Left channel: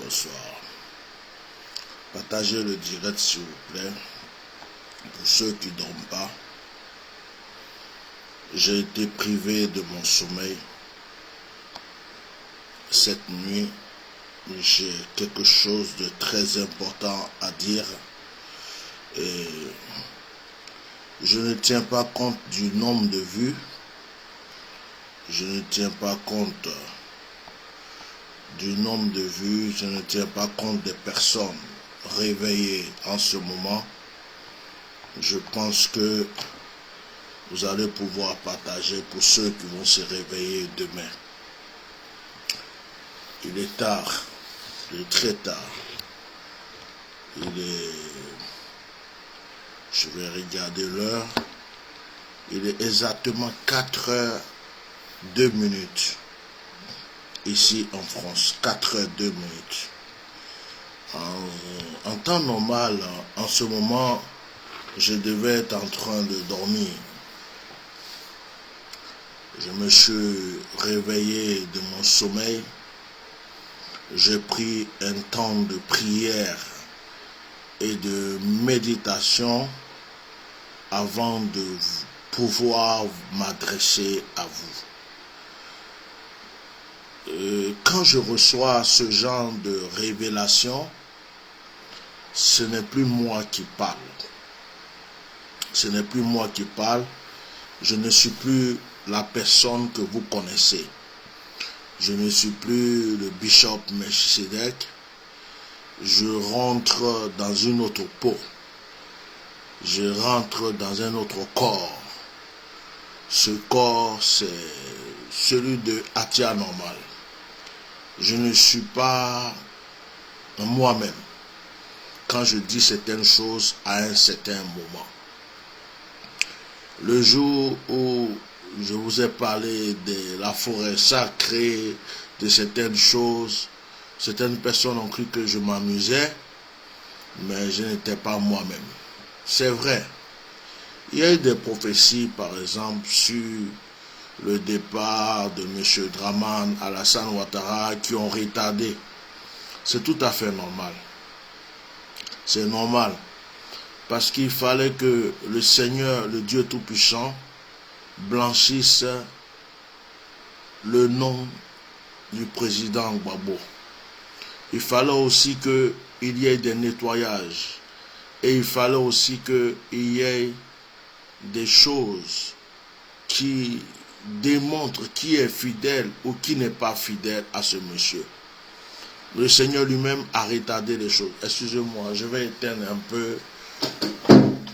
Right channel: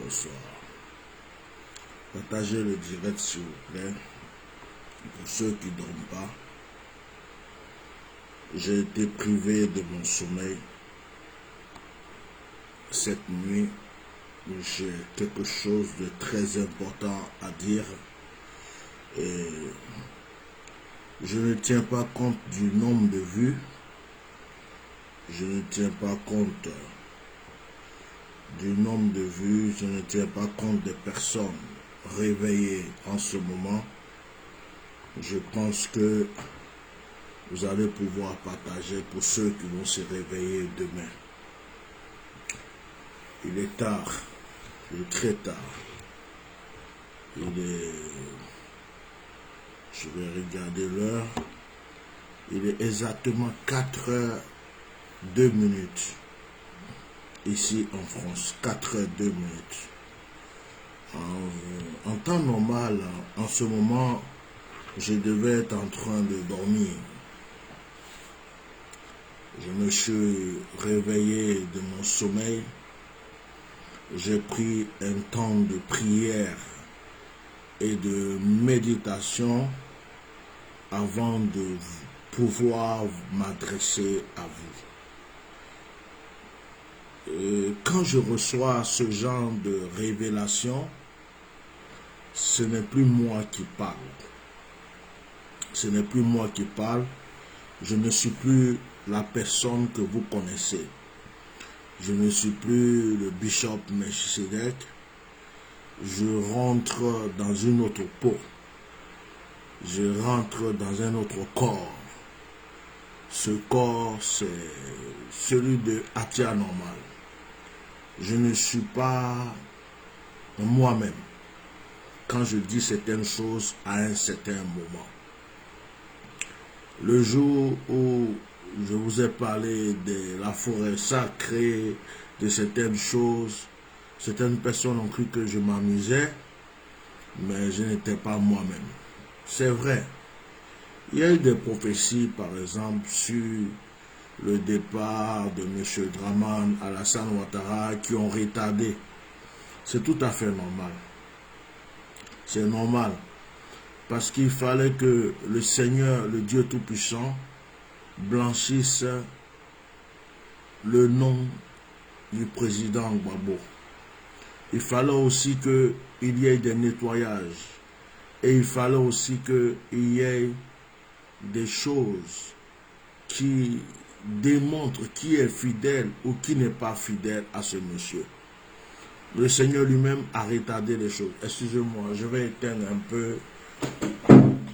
Bonsoir. Partagez le direct s'il vous plaît. Pour ceux qui ne dorment pas, j'ai été privé de mon sommeil cette nuit. J'ai quelque chose de très important à dire et je ne tiens pas compte du nombre de vues. Je ne tiens pas compte du nombre de vues, je ne tiens pas compte des personnes réveillées en ce moment. Je pense que vous allez pouvoir partager pour ceux qui vont se réveiller demain. Il est tard, il est très tard. Je vais regarder l'heure. Il est exactement 4h02 ici en France, 4h02. En temps normal, en ce moment, je devais être en train de dormir. Je me suis réveillé de mon sommeil. J'ai pris un temps de prière et de méditation avant de pouvoir m'adresser à vous. Quand je reçois ce genre de révélation, ce n'est plus moi qui parle. Ce n'est plus moi qui parle. Je ne suis plus la personne que vous connaissez. Je ne suis plus le bishop Melchisedec. Je rentre dans une autre peau. Je rentre dans un autre corps. Ce corps, c'est celui de Atia normal. Je ne suis pas moi-même quand je dis certaines choses à un certain moment. Le jour où je vous ai parlé de la forêt sacrée, de certaines choses, certaines personnes ont cru que je m'amusais, mais je n'étais pas moi-même. C'est vrai. Il y a eu des prophéties, par exemple, sur le départ de M. Dramane Alassane Ouattara qui ont retardé. C'est tout à fait normal. C'est normal. Parce qu'il fallait que le Seigneur, le Dieu Tout-Puissant, blanchisse le nom du président Gbagbo. Il fallait aussi qu'il y ait des nettoyages. Et il fallait aussi qu'il y ait des choses qui démontrent qui est fidèle ou qui n'est pas fidèle à ce monsieur. Le Seigneur lui-même a retardé les choses. Excusez-moi, je vais éteindre un peu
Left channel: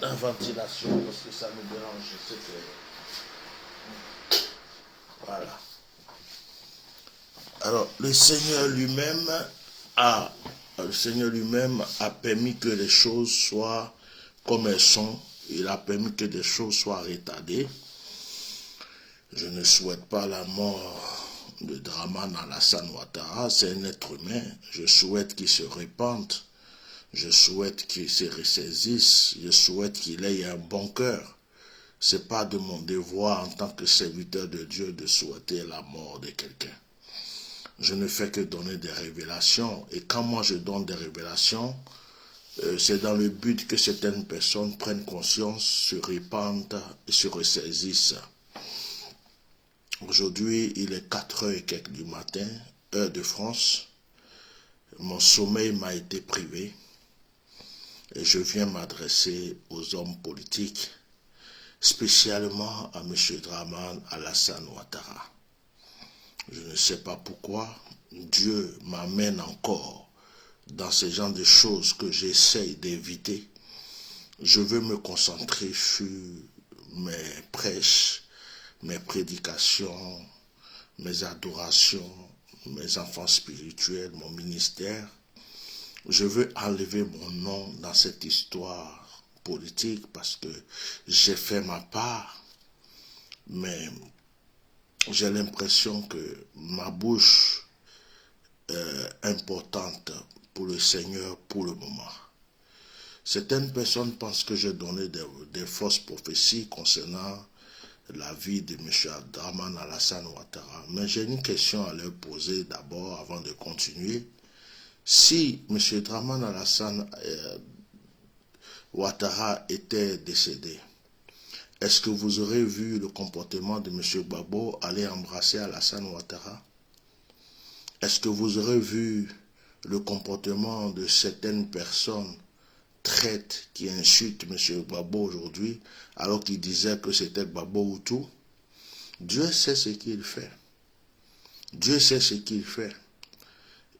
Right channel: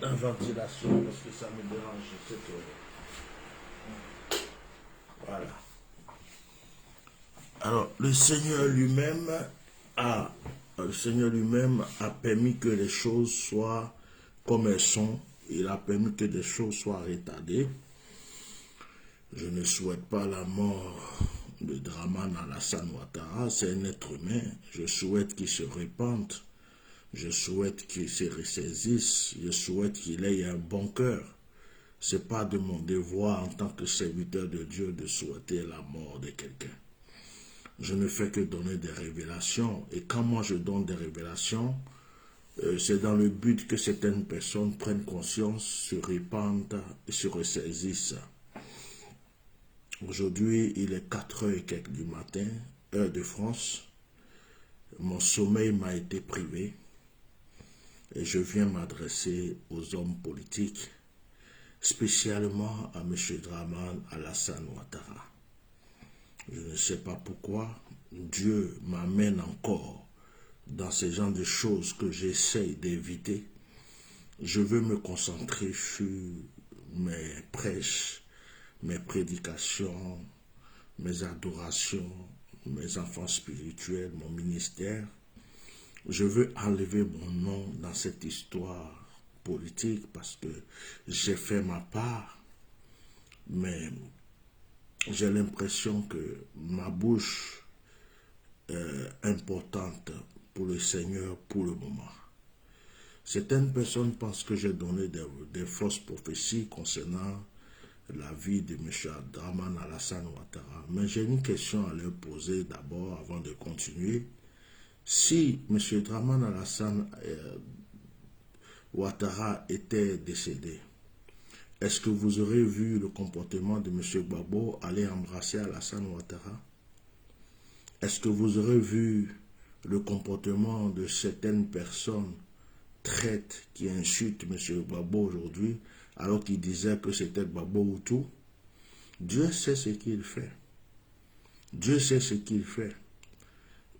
la ventilation parce que ça me dérange. Je sais que... Voilà. Alors, le Seigneur lui-même a permis que les choses soient comme elles sont. Il a permis que des choses soient retardées. Je ne souhaite pas la mort de Dramane Alassane Ouattara. C'est un être humain. Je souhaite qu'il se répande. Je souhaite qu'il se ressaisisse. Je souhaite qu'il ait un bon cœur. Ce n'est pas de mon devoir en tant que serviteur de Dieu de souhaiter la mort de quelqu'un. Je ne fais que donner des révélations. Et quand moi je donne des révélations, c'est dans le but que certaines personnes prennent conscience, se répandent et se ressaisissent. Aujourd'hui, il est 4h et quelques du matin, heure de France. Mon sommeil m'a été privé et je viens m'adresser aux hommes politiques, spécialement à M. Dramane Alassane Ouattara. Je ne sais pas pourquoi Dieu m'amène encore dans ce genre de choses que j'essaye d'éviter. Je veux me concentrer sur mes prêches, mes prédications, mes adorations, mes enfants spirituels, mon ministère. Je veux enlever mon nom dans cette histoire politique parce que j'ai fait ma part, mais j'ai l'impression que ma bouche est importante pour le Seigneur pour le moment. Certaines personnes pensent que j'ai donné des fausses prophéties concernant la vie de M. Dramane Alassane Ouattara. Mais j'ai une question à leur poser d'abord avant de continuer. Si M. Dramane Alassane Ouattara était décédé, est-ce que vous aurez vu le comportement de M. Gbagbo aller embrasser Alassane Ouattara? Est-ce que vous aurez vu le comportement de certaines personnes traites qui insultent M. Gbagbo aujourd'hui alors qu'il disait que c'était Gbagbo Hutu? Dieu sait ce qu'il fait. Dieu sait ce qu'il fait.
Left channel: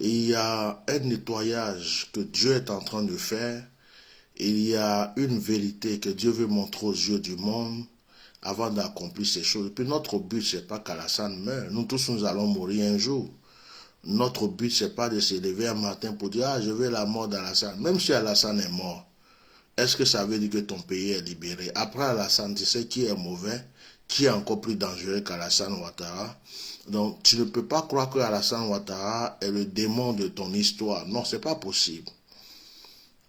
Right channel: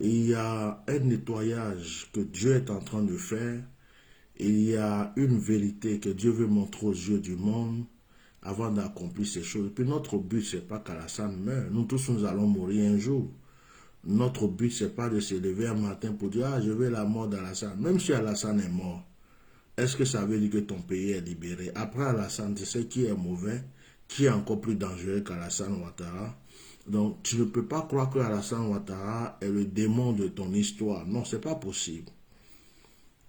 Et il y a un nettoyage que Dieu est en train de faire. Il y a une vérité que Dieu veut montrer aux yeux du monde avant d'accomplir ces choses. Et puis notre but, ce n'est pas qu'Alassane meure. Nous tous, nous allons mourir un jour. Notre but, ce n'est pas de se lever un matin pour dire « Ah, je veux la mort d'Alassane ». Même si Alassane est mort, est-ce que ça veut dire que ton pays est libéré? Après Alassane, tu sais qui est mauvais, qui est encore plus dangereux qu'Alassane Ouattara. Donc, tu ne peux pas croire que Alassane Ouattara est le démon de ton histoire. Non, ce n'est pas possible.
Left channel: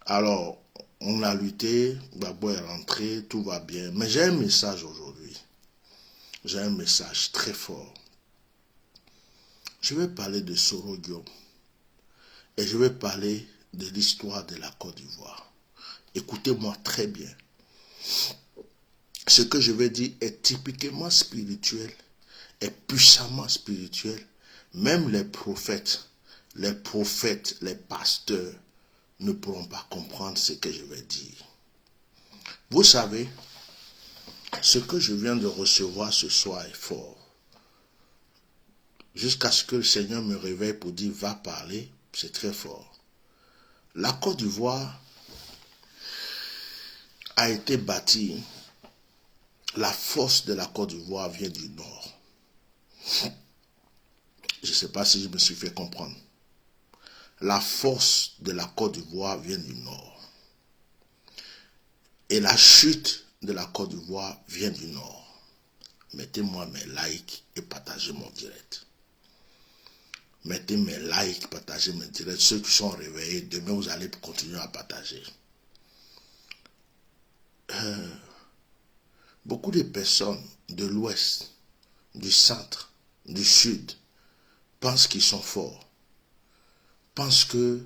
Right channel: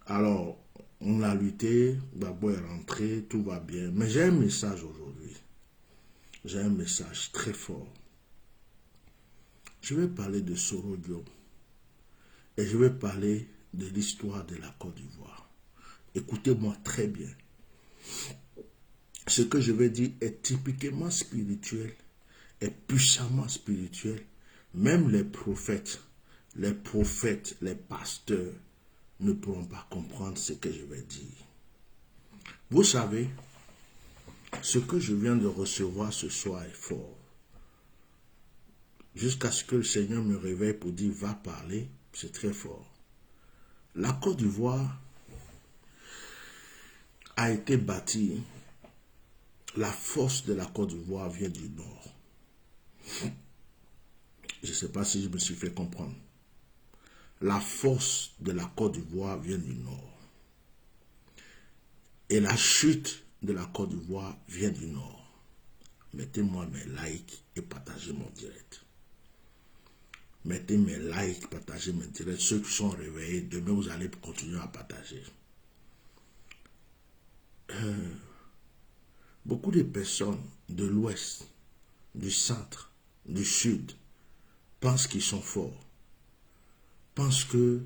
Alors, on a lutté, Gbagbo est rentré, tout va bien. Mais j'ai un message aujourd'hui. J'ai un message très fort. Je vais parler de Soro Diop. Et je vais parler de l'histoire de la Côte d'Ivoire. Écoutez-moi très bien. Ce que je vais dire est typiquement spirituel, est puissamment spirituel. Même les prophètes, les pasteurs ne pourront pas comprendre ce que je vais dire. Vous savez, ce que je viens de recevoir ce soir est fort. Jusqu'à ce que le Seigneur me réveille pour dire va parler, c'est très fort. La Côte d'Ivoire a été bâtie. La force de la Côte d'Ivoire vient du nord. Je ne sais pas si je me suis fait comprendre. La force de la Côte d'Ivoire vient du nord. Et la chute de la Côte d'Ivoire vient du nord. Mettez-moi mes likes et partagez mon direct. Mettez mes likes, partagez mes directs. Ceux qui sont réveillés, demain vous allez continuer à partager. Beaucoup de personnes de l'ouest, du centre, du sud, pensent qu'ils sont forts. Pensent que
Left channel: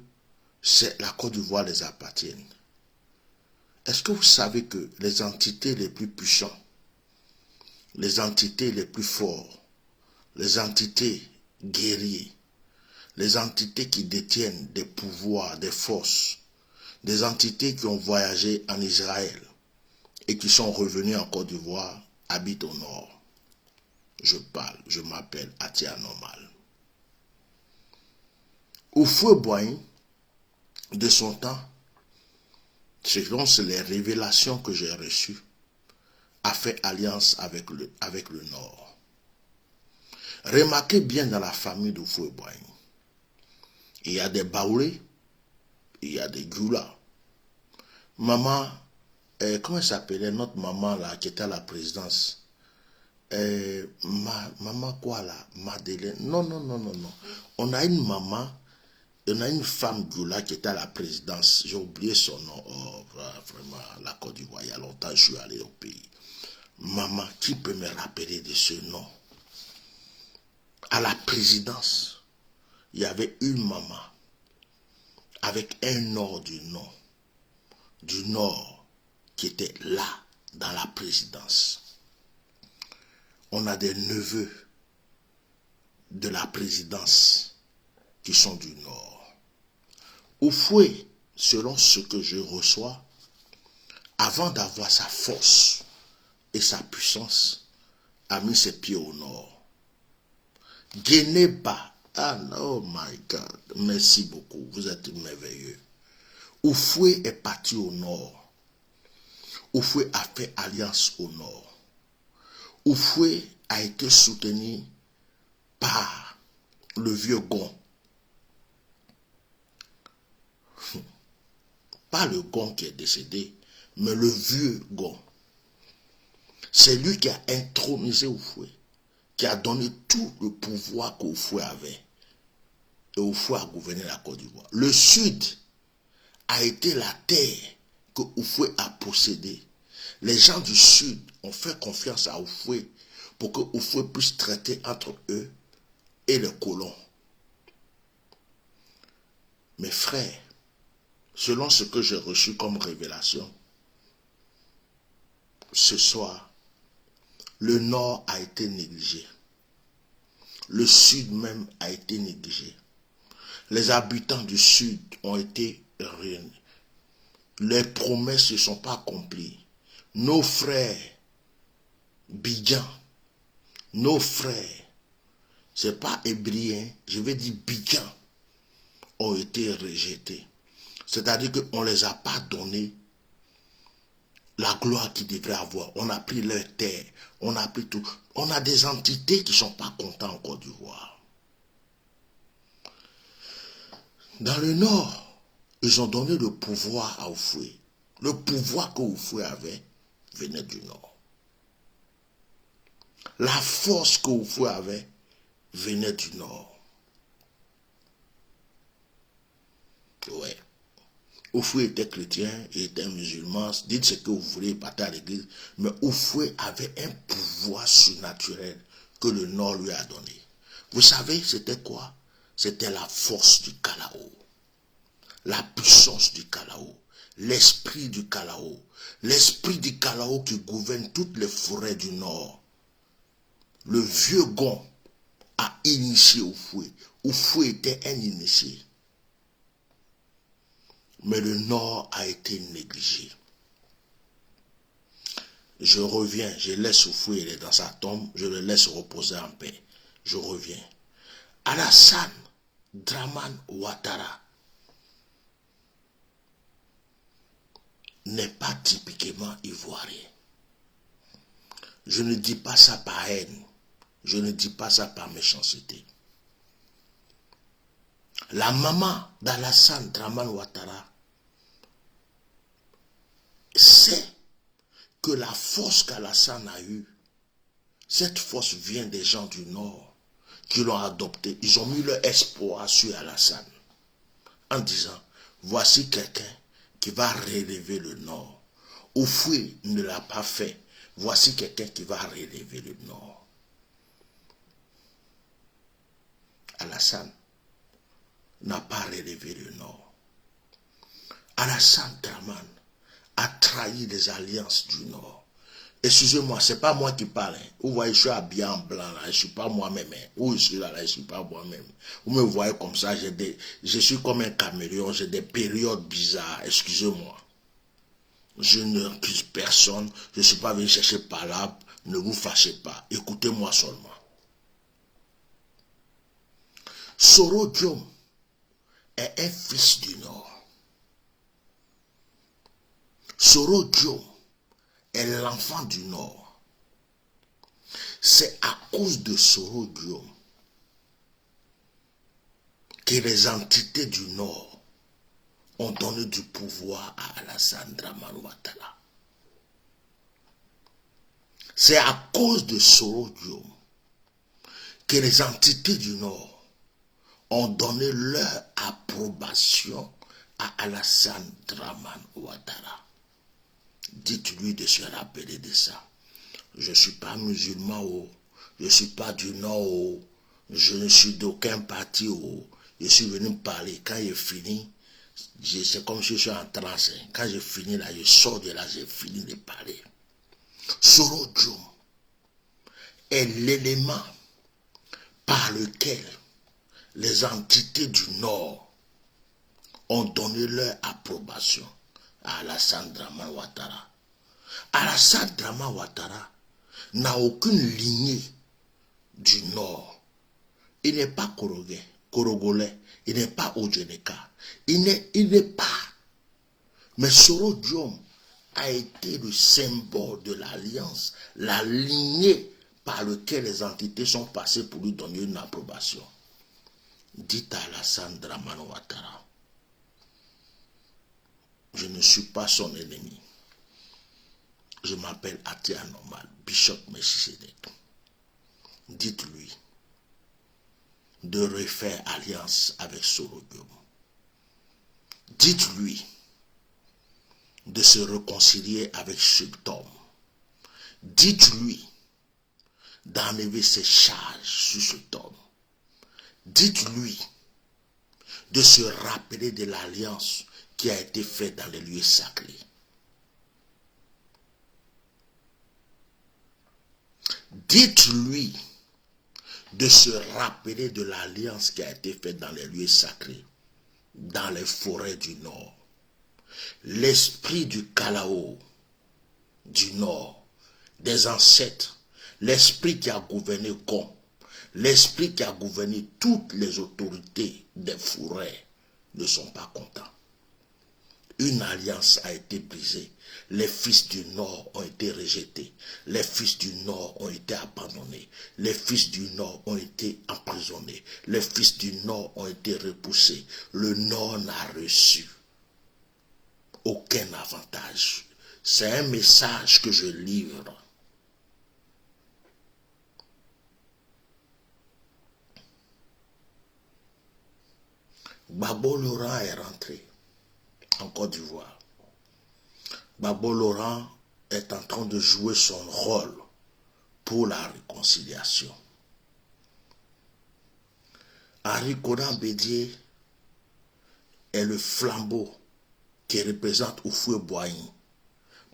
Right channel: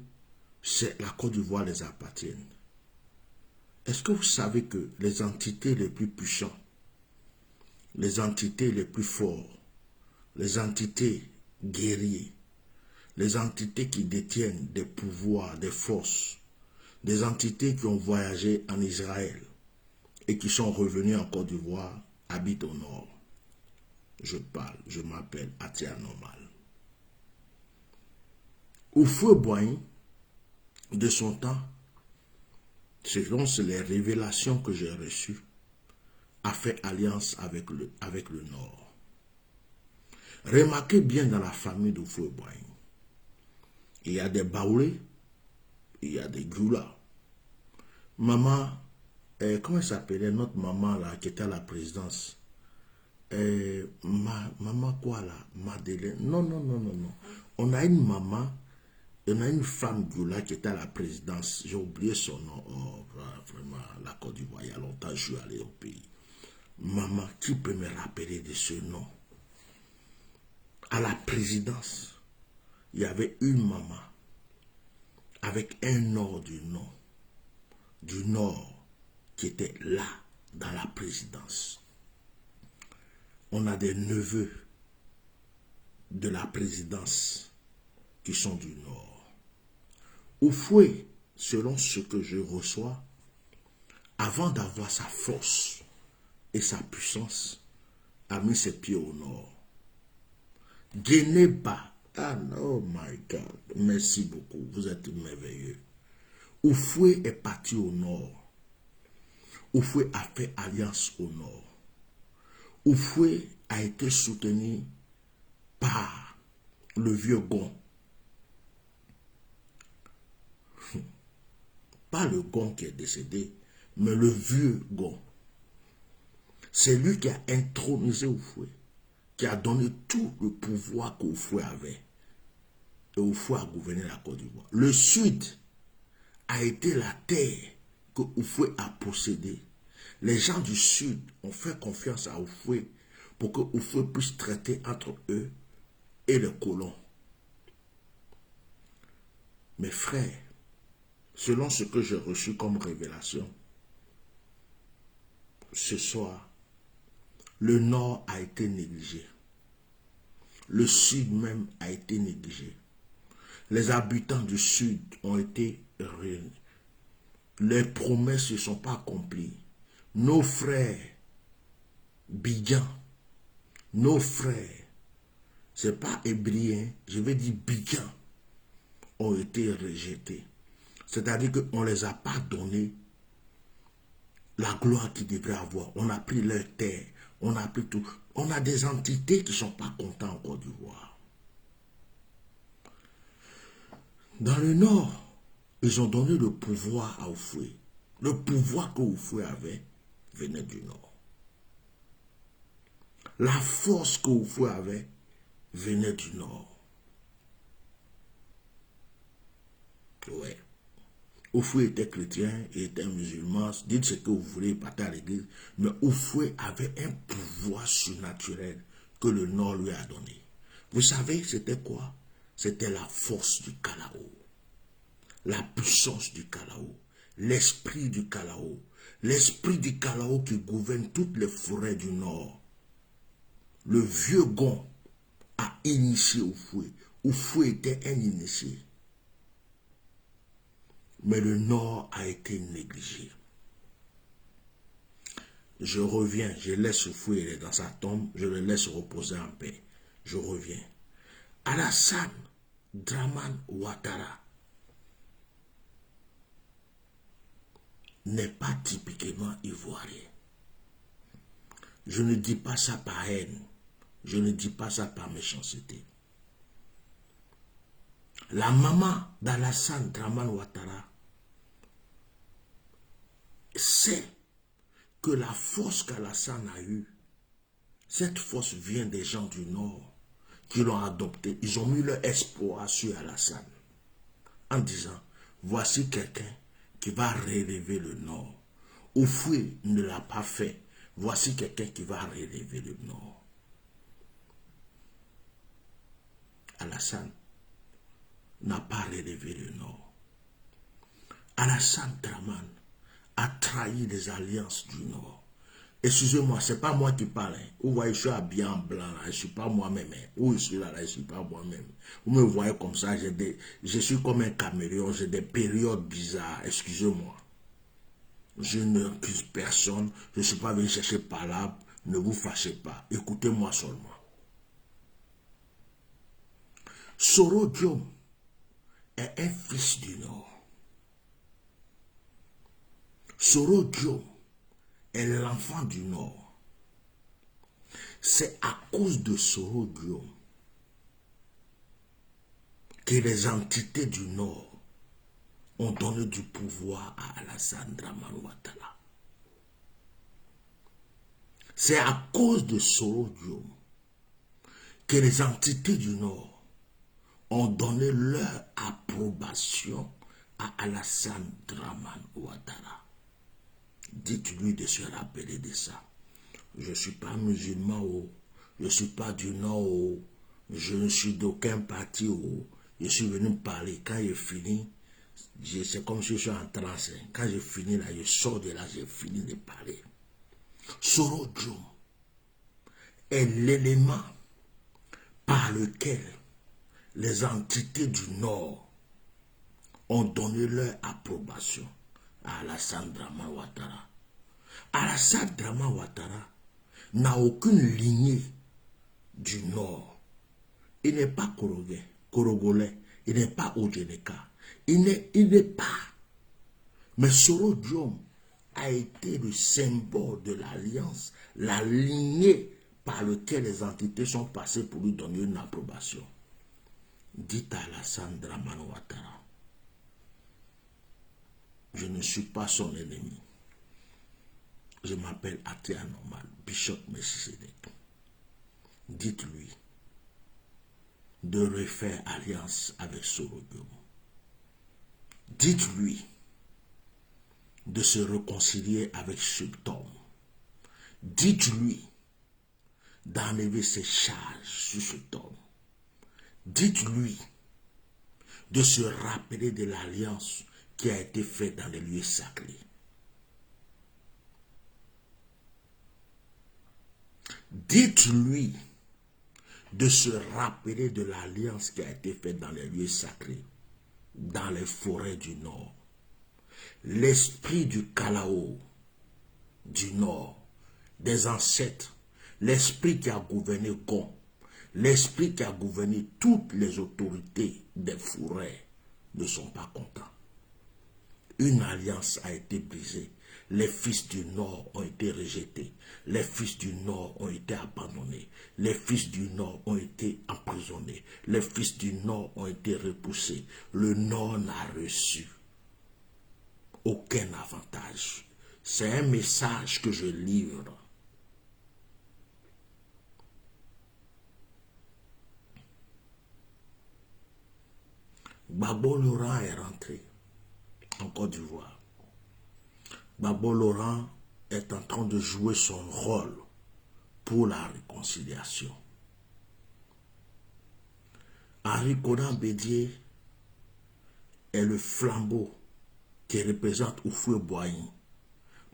la Côte d'Ivoire les appartient. Est-ce que vous savez que les entités les plus puissantes, les entités les plus fortes, les entités guerriers, les entités qui détiennent des pouvoirs, des forces, des entités qui ont voyagé en Israël et qui sont revenus en Côte d'Ivoire, habitent au nord? Je m'appelle Atia Normal. Houphouët-Boigny, de son temps, selon les révélations que j'ai reçues, a fait alliance avec le Nord. Remarquez bien dans la famille de Foué-Boigny, il y a des Baoulés, il y a des Gula. Maman, comment elle s'appelait notre maman là qui était à la présidence? Maman quoi là? Madeleine? Non, non, non, non, non. On a une maman, on a une femme Gula qui était à la présidence. J'ai oublié son nom. Oh, vraiment, la Côte d'Ivoire, il y a longtemps, je suis allé au pays. Maman, qui peut me rappeler de ce nom? À la présidence, il y avait une maman avec un Nord du Nord qui était là dans la présidence. On a des neveux de la présidence qui sont du Nord. Oufoué, selon ce que je reçois, avant d'avoir sa force et sa puissance, a mis ses pieds au Nord. Guénéba, ah oh my God, merci beaucoup, vous êtes merveilleux. Oufoué est parti au Nord. Oufoué a fait alliance au Nord. Oufoué a été soutenu par le vieux Gon. Pas le Gon qui est décédé, mais le vieux Gon. C'est lui qui a intronisé Oufoué, qui a donné tout le pouvoir qu'Oufoué avait. Et Oufoué a gouverné la Côte d'Ivoire. Le Sud a été la terre que Oufoué a possédée. Les gens du Sud ont fait confiance à Oufoué pour que Oufoué puisse traiter entre eux et les colons. Mes frères, selon ce que j'ai reçu comme révélation, ce soir, le Nord a été négligé. Le Sud même a été négligé. Les habitants du Sud ont été ruinés. Les promesses ne sont pas accomplies. Nos frères Bidjan, nos frères, c'est pas hébrien, je vais dire Bidjan, ont été rejetés. C'est-à-dire qu'on ne les a pas donné la gloire qu'ils devraient avoir. On a pris leur terre, on a pris tout. On a des entités qui ne sont pas contents en Côte d'Ivoire. Dans le Nord, ils ont donné le pouvoir à Oufoué. Le pouvoir que Oufoué avait venait du Nord. La force que Oufoué avait venait du Nord. Ouais. Oufoué était chrétien, il était musulman, dites ce que vous voulez, partait à l'église, mais Oufoué avait un pouvoir surnaturel que le Nord lui a donné. Vous savez, c'était quoi? C'était la force du Kalao, la puissance du Kalao, l'esprit du Kalao qui gouverne toutes les forêts du Nord. Le vieux Gon a initié Oufoué. Oufoué était un initié. Mais le Nord a été négligé. Je reviens, je laisse Oufoué, il est dans sa tombe, je le laisse reposer en paix. Je reviens. Alassane Dramane Ouattara n'est pas typiquement ivoirien. Je ne dis pas ça par haine. Je ne dis pas ça par méchanceté. La maman d'Alassane Dramane Ouattara sait que la force qu'Alassane a eue, cette force vient des gens du Nord qui l'ont adopté. Ils ont mis leur espoir sur Alassane en disant, voici quelqu'un qui va relever le Nord. Oufoué ne l'a pas fait. Voici quelqu'un qui va relever le Nord. Alassane n'a pas relevé le Nord. Alassane Dramane a trahi les alliances du Nord. Excusez-moi, ce n'est pas moi qui parle. Vous voyez, je suis habillé en blanc, là, je ne suis pas moi-même. Où je suis là, je ne suis pas moi-même. Vous me voyez comme ça, je suis comme un caméléon, j'ai des périodes bizarres. Excusez-moi. Je n'accuse personne, je ne suis pas venu chercher palabre, ne vous fâchez pas. Écoutez-moi seulement. Soro Diom est un fils du Nord. Soro Diom est l'enfant du Nord. C'est à cause de Soro Diom que les entités du Nord ont donné du pouvoir à Alassane Dramane Ouattara. C'est à cause de Soro Diom que les entités du Nord ont donné leur approbation à Alassane Dramane Ouattara. Dites-lui de se rappeler de ça. Je ne suis pas musulman, je ne suis pas du Nord, je ne suis d'aucun parti, je suis venu parler. Quand j'ai fini, c'est comme si je suis en transe. Quand j'ai fini là, je sors de là, j'ai fini de parler. Soro Diom est l'élément par lequel les entités du Nord ont donné leur approbation à Alassane Dramane Ouattara. Alassane Dramane Ouattara n'a aucune lignée du Nord. Il n'est pas Korogolais, il n'est pas Ojeneka, il n'est pas. Mais Soro Diom a été le symbole de l'alliance, la lignée par laquelle les entités sont passées pour lui donner une approbation. Dites à Alassane Dramane Ouattara, je ne suis pas son ennemi. Je m'appelle Atia Normal, Bishop Melchisedek. Dites-lui de refaire alliance avec Soro Diom. Dites-lui de se réconcilier avec Sultan. Dites-lui d'enlever ses charges sur cet homme. Dites-lui de se rappeler de l'alliance qui a été faite dans les lieux sacrés. Dites-lui de se rappeler de l'alliance qui a été faite dans les lieux sacrés, dans les forêts du Nord. L'esprit du Kalao du Nord, des ancêtres, l'esprit qui a gouverné Gon, l'esprit qui a gouverné toutes les autorités des forêts ne sont pas contents. Une alliance a été brisée. Les fils du Nord ont été rejetés. Les fils du Nord ont été abandonnés. Les fils du Nord ont été emprisonnés. Les fils du Nord ont été repoussés. Le Nord n'a reçu aucun avantage. C'est un message que je livre. Gbagbo Laurent est rentré en Côte d'Ivoire. Gbagbo Laurent est en train de jouer son rôle pour la réconciliation. Henri Konan Bédié est le flambeau qui représente Houphouët-Boigny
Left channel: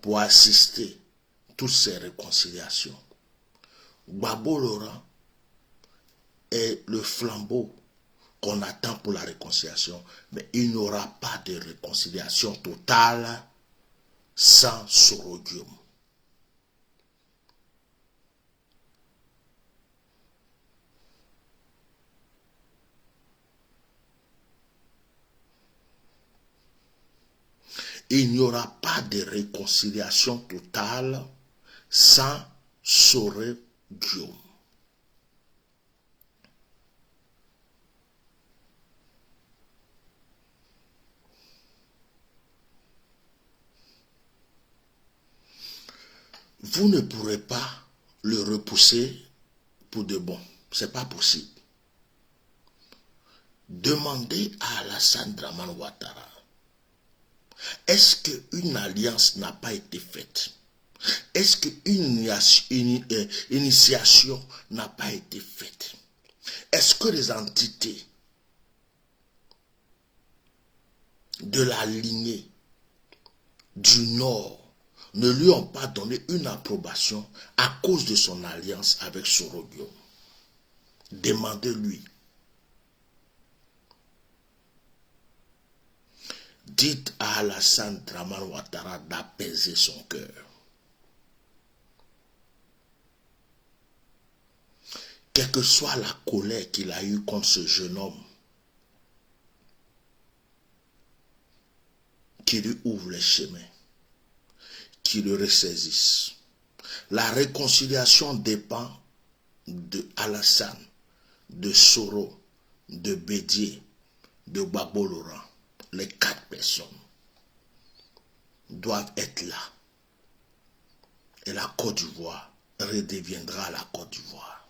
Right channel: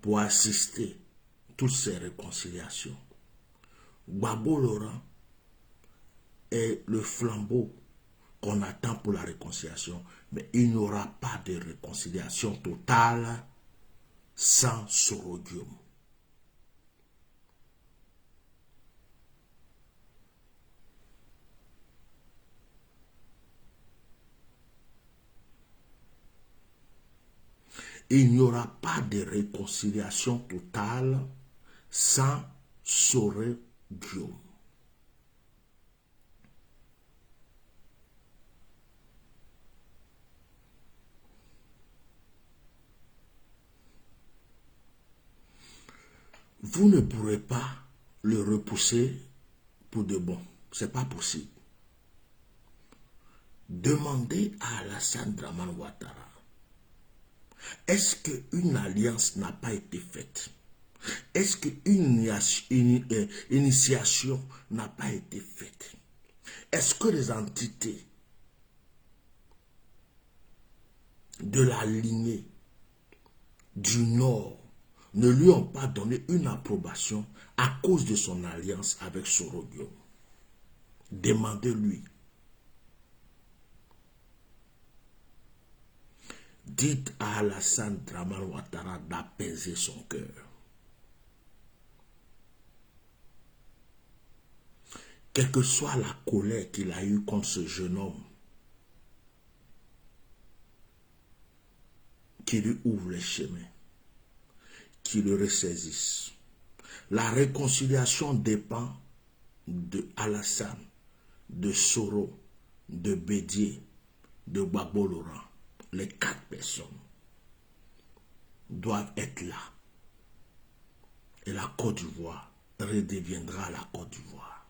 pour assister toutes ces réconciliations. Gbagbo Laurent est le flambeau qu'on attend pour la réconciliation, mais il n'y aura pas de réconciliation totale sans Soro Diom. Il n'y aura pas de réconciliation totale sans Soro Diom. Vous ne pourrez pas le repousser pour de bon. Ce n'est pas possible. Demandez à Alassane Dramane Ouattara, est-ce qu'une alliance n'a pas été faite? Est-ce qu'une initiation n'a pas été faite? Est-ce que les entités de la lignée du Nord ne lui ont pas donné une approbation à cause de son alliance avec Soro Diom? Demandez-lui. Dites à Alassane Dramane Ouattara d'apaiser son cœur. Quelle que soit la colère qu'il a eue contre ce jeune homme, qui lui ouvre les chemins. qui le ressaisissent. La réconciliation dépend de Alassane, de Soro, de Bédié, de Gbagbo Laurent. Les 4 personnes doivent être là. Et la Côte d'Ivoire redeviendra la Côte d'Ivoire.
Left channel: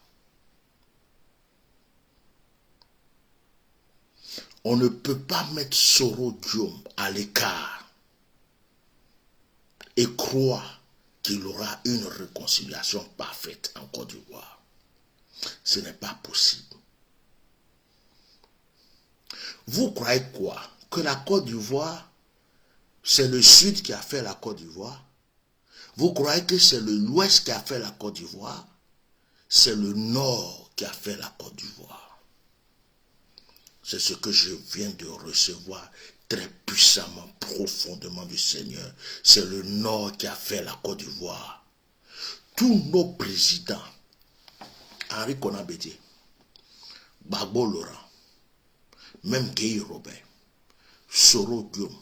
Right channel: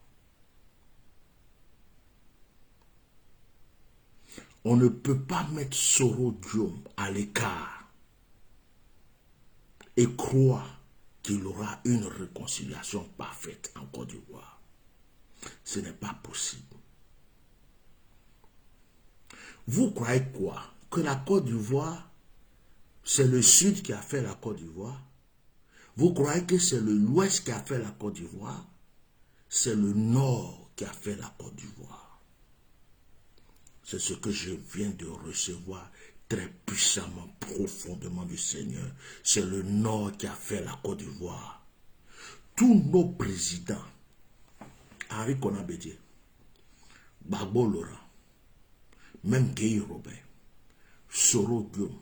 On ne peut pas mettre Soro Diom à l'écart et croire qu'il aura une réconciliation parfaite en Côte d'Ivoire. Ce n'est pas possible. Vous croyez quoi? Que la Côte d'Ivoire, c'est le Sud qui a fait la Côte d'Ivoire? Vous croyez que c'est l'Ouest qui a fait la Côte d'Ivoire? C'est le Nord qui a fait la Côte d'Ivoire. C'est ce que je viens de recevoir très puissamment, profondément du Seigneur. C'est le Nord qui a fait la Côte d'Ivoire. Tous nos présidents, Henri Konan Bédié, Gbagbo Laurent, même Guy Robert, Soro Diom,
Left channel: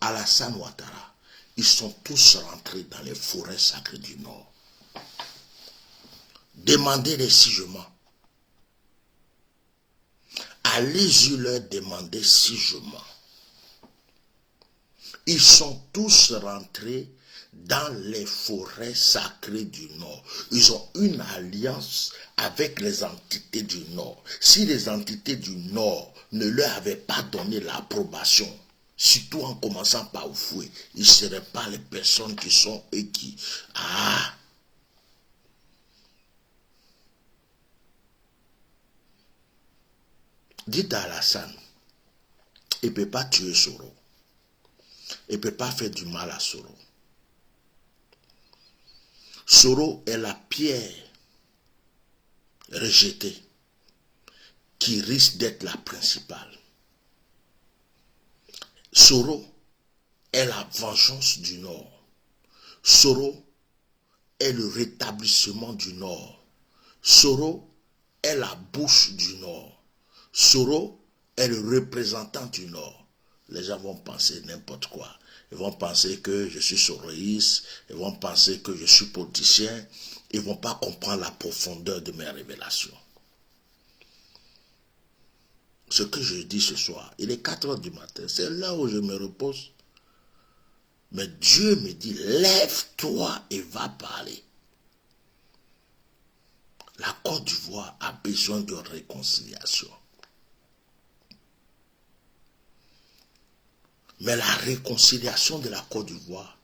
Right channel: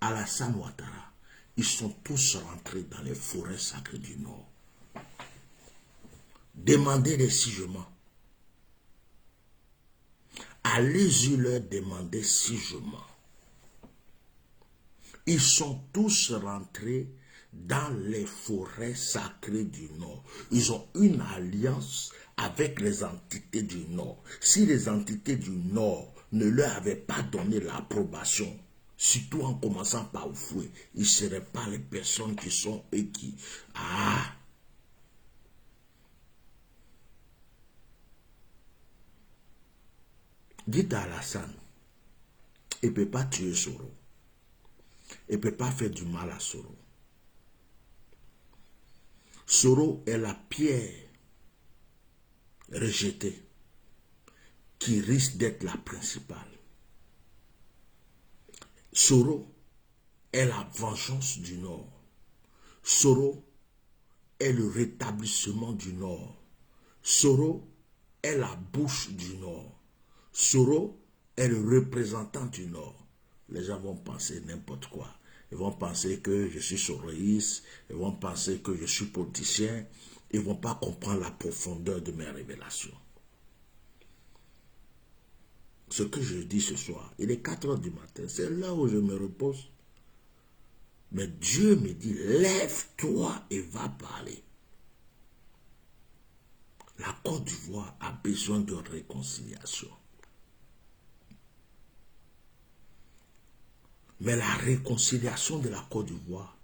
Alassane Ouattara, ils sont tous rentrés dans les forêts sacrées du Nord. Demandez les sigements. Allez-y leur demander sigements. Ils sont tous rentrés dans les forêts sacrées du Nord. Ils ont une alliance avec les entités du Nord. Si les entités du Nord ne leur avaient pas donné l'approbation, surtout en commençant par Oufoué, ils ne seraient pas les personnes qui sont et qui... Ah! Dites à Alassane, il ne peut pas tuer Soro. Il ne peut pas faire du mal à Soro. Soro est la pierre rejetée qui risque d'être la principale. Soro est la vengeance du Nord. Soro est le rétablissement du Nord. Soro est la bouche du Nord. Soro est le représentant du Nord. Les gens vont penser n'importe quoi. Ils vont penser que je suis soroïste. Ils vont penser que je suis politicien. Ils ne vont pas comprendre la profondeur de mes révélations. Ce que je dis ce soir, il est 4 heures du matin. C'est là où je me repose. Mais Dieu me dit, lève-toi et va parler. La Côte d'Ivoire a besoin de réconciliation. Mais la réconciliation de la Côte d'Ivoire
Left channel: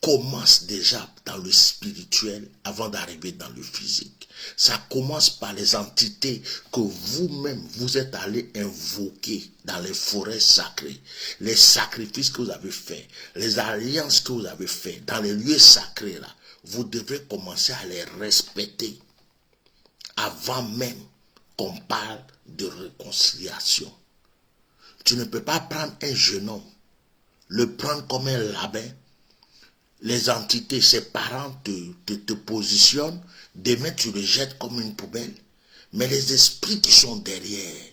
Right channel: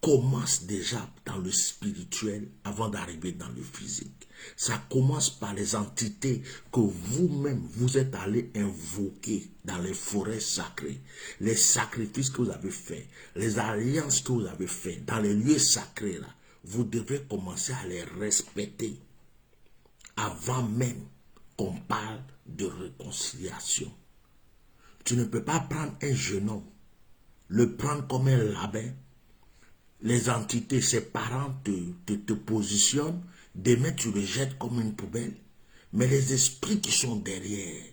commence déjà dans le spirituel avant d'arriver dans le physique. Ça commence par les entités que vous-même vous êtes allés invoquer dans les forêts sacrées. Les sacrifices que vous avez faits, les alliances que vous avez faites dans les lieux sacrés là. Vous devrez commencer à les respecter avant même qu'on parle de réconciliation. Tu ne peux pas prendre un jeune homme, le prendre comme un labin. Les entités, ses parents te positionnent, demain tu le jettes comme une poubelle. Mais les esprits qui sont derrière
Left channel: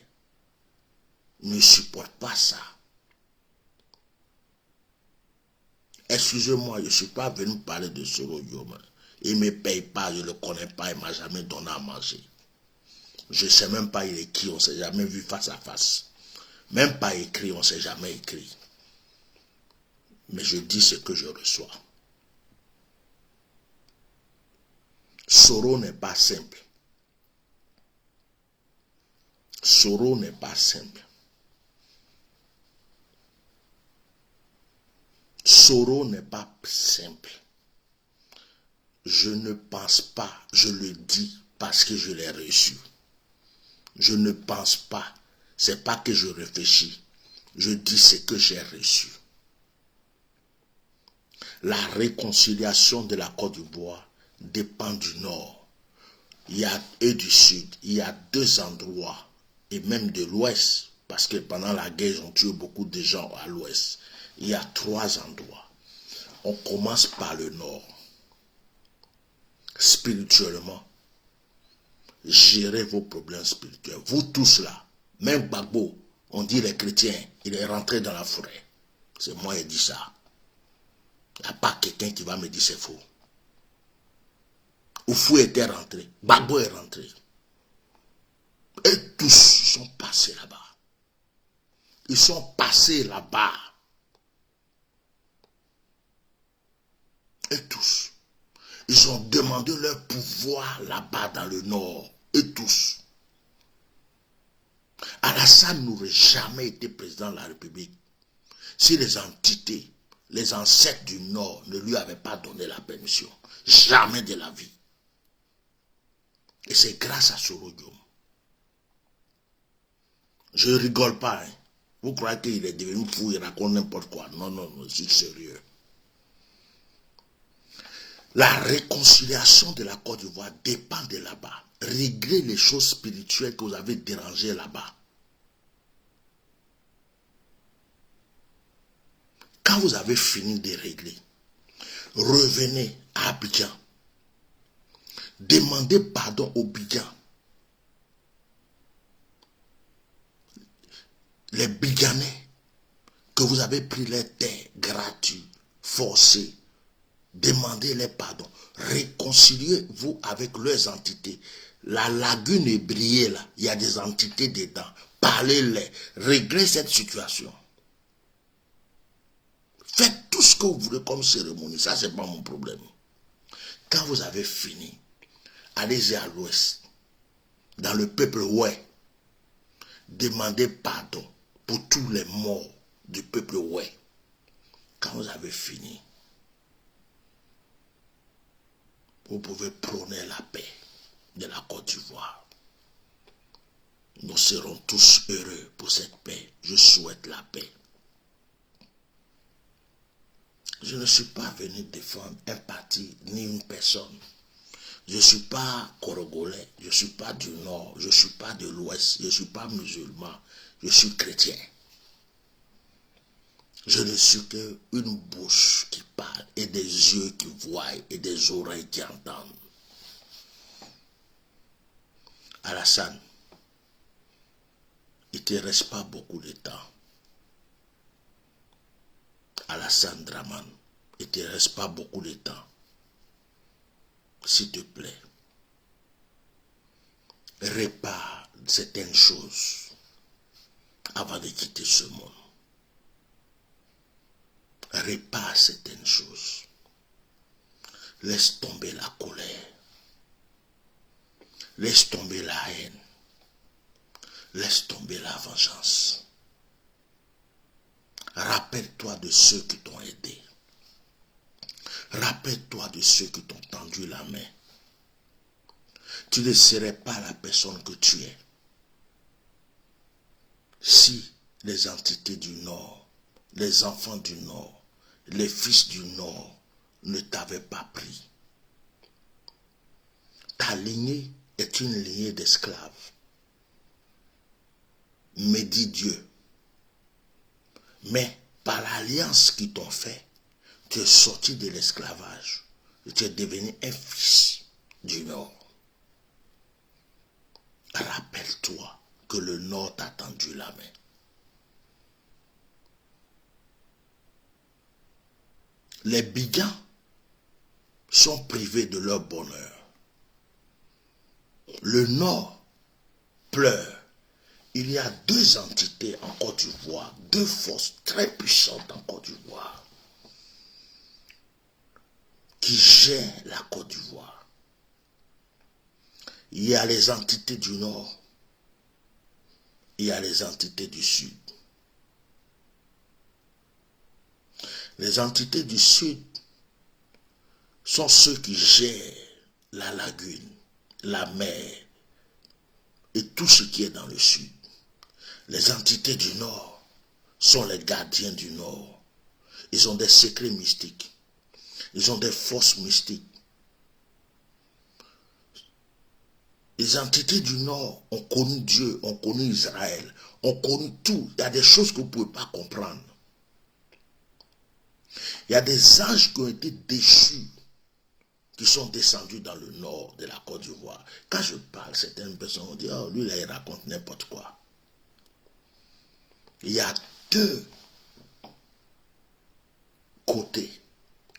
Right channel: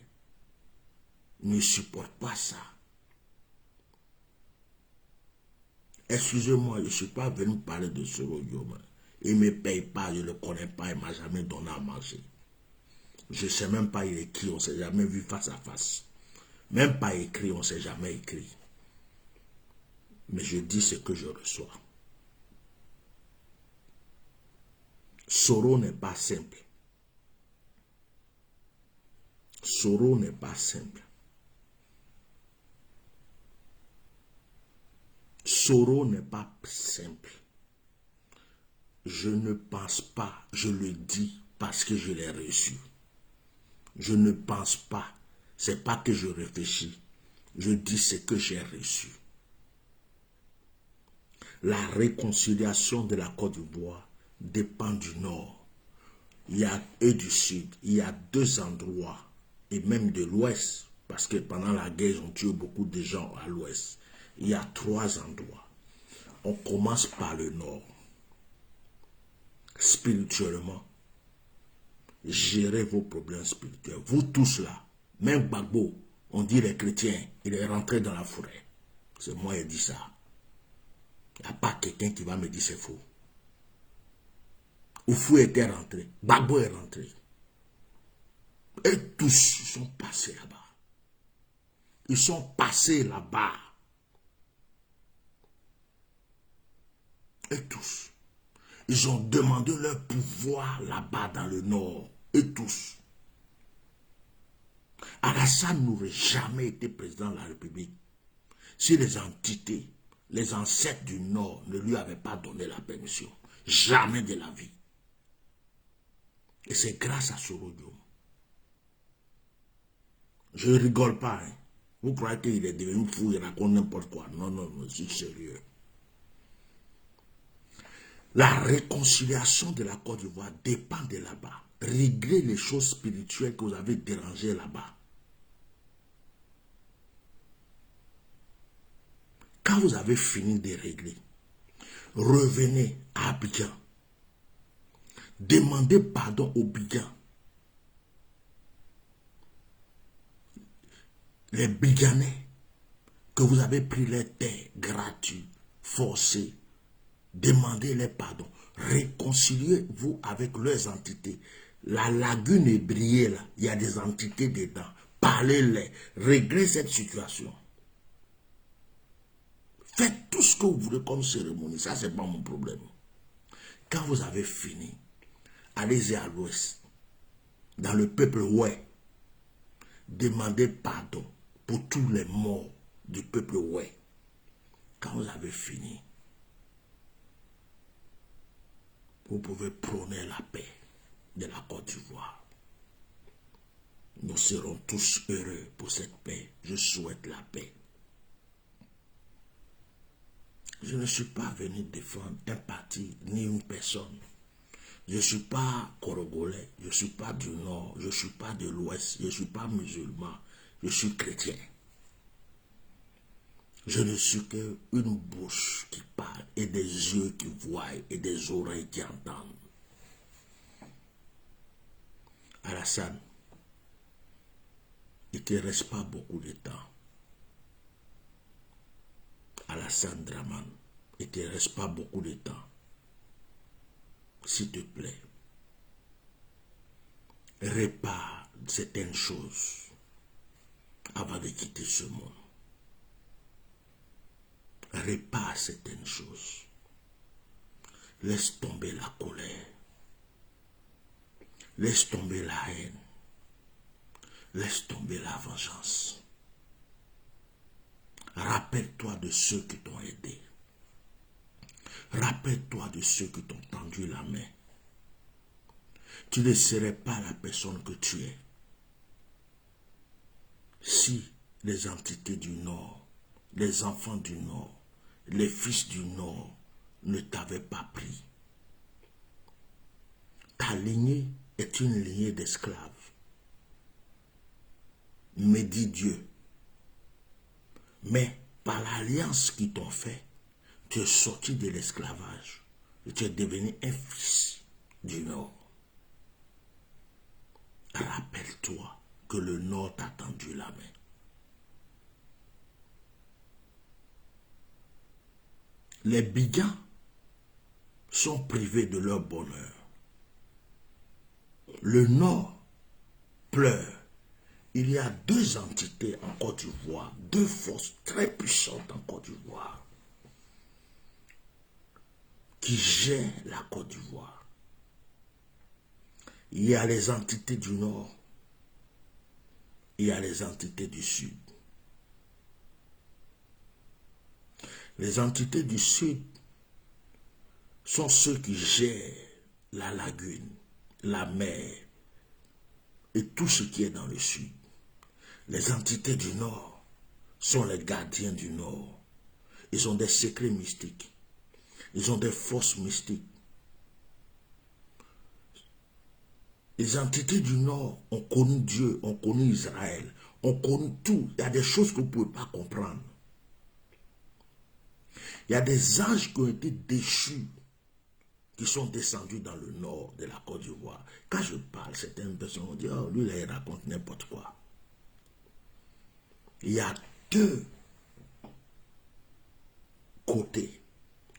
ne supportent pas ça. Excusez-moi, je ne suis pas venu parler de Soro Diom. Il ne me paye pas, je ne le connais pas, il ne m'a jamais donné à manger. Je ne sais même pas il est qui, on ne s'est jamais vu face à face. Même pas écrit, on ne s'est jamais écrit. Mais je dis ce que je reçois. Soro n'est pas simple. Soro n'est pas simple. Soro n'est pas simple. Je ne pense pas, je le dis parce que je l'ai reçu. Je ne pense pas. C'est pas que je réfléchis. Je dis ce que j'ai reçu. La réconciliation de la Côte d'Ivoire dépend du Nord. Et du Sud. Il y a 2 endroits. Et même de l'Ouest. Parce que pendant la guerre, ils ont tué beaucoup de gens à l'Ouest. Il y a 3 endroits. On commence par le Nord. Spirituellement. Gérez vos problèmes spirituels. Vous tous là. Même Gbagbo, on dit les chrétiens, il est rentré dans la forêt. C'est moi qui ai dit ça. Il n'y a pas quelqu'un qui va me dire c'est faux. Oufou était rentré, Gbagbo est rentré. Et tous, ils sont passés là-bas. Ils sont passés là-bas. Et tous. Ils ont demandé leur pouvoir là-bas dans le nord. Et tous. Alassane n'aurait jamais été président de la République si les entités, les ancêtres du nord ne lui avaient pas donné la permission. Jamais de la vie. Et c'est grâce à Sorodium. Je ne rigole pas. Hein. Vous croyez qu'il est devenu fou, il raconte n'importe quoi. Non, non, non, je suis sérieux. La réconciliation de la Côte d'Ivoire dépend de là-bas. Réglez les choses spirituelles que vous avez dérangées là-bas. Quand vous avez fini de régler, revenez à Abidjan. Demandez pardon au Bidjan. Les Bidjanais que vous avez pris les terres gratuites, forcées, demandez-les pardon. Réconciliez-vous avec leurs entités. La lagune est brillée là, il y a des entités dedans. Parlez-les, réglez cette situation. Faites tout ce que vous voulez comme cérémonie, ça c'est pas mon problème. Quand vous avez fini, allez-y à l'ouest, dans le peuple ouais, demandez pardon pour tous les morts du peuple ouais. Quand vous avez fini, vous pouvez prôner la paix de la Côte d'Ivoire. Nous serons tous heureux pour cette paix. Je souhaite la paix. Je ne suis pas venu défendre un parti ni une personne. Je ne suis pas Congolais, je ne suis pas du Nord, je ne suis pas de l'Ouest, je ne suis pas musulman, je suis chrétien. Je ne suis qu'une bouche qui parle et des yeux qui voient et des oreilles qui entendent. Alassane, il ne te reste pas beaucoup de temps. Alassane Draman, il ne te reste pas beaucoup de temps. S'il te plaît, répare certaines choses avant de quitter ce monde. Répare certaines choses. Laisse tomber la colère. Laisse tomber la haine. Laisse tomber la vengeance. Rappelle-toi de ceux qui t'ont aidé. Rappelle-toi de ceux qui t'ont tendu la main. Tu ne serais pas la personne que tu es si les entités du Nord, les enfants du Nord, les fils du Nord ne t'avaient pas pris. Ta lignée est une lignée d'esclaves. Mais dit Dieu. Mais par l'alliance qu'ils t'ont fait, tu es sorti de l'esclavage. Tu es devenu un fils du Nord. Rappelle-toi que le Nord t'a tendu la main. Les Bidjans sont privés de leur bonheur. Le Nord pleure. Il y a deux entités en Côte d'Ivoire, deux forces très puissantes en Côte d'Ivoire qui gèrent la Côte d'Ivoire. Il y a les entités du Nord, il y a les entités du Sud. Les entités du Sud sont ceux qui gèrent la lagune, la mer et tout ce qui est dans le Sud. Les entités du Nord sont les gardiens du Nord. Ils ont des secrets mystiques. Ils ont des forces mystiques. Les entités du Nord ont connu Dieu, ont connu Israël, ont connu tout. Il y a des choses que vous ne pouvez pas comprendre. Il y a des anges qui ont été déchus, qui sont descendus dans le nord de la Côte d'Ivoire. Quand je parle, certaines personnes vont dire, oh, lui, là, il raconte n'importe quoi. Il y a deux côtés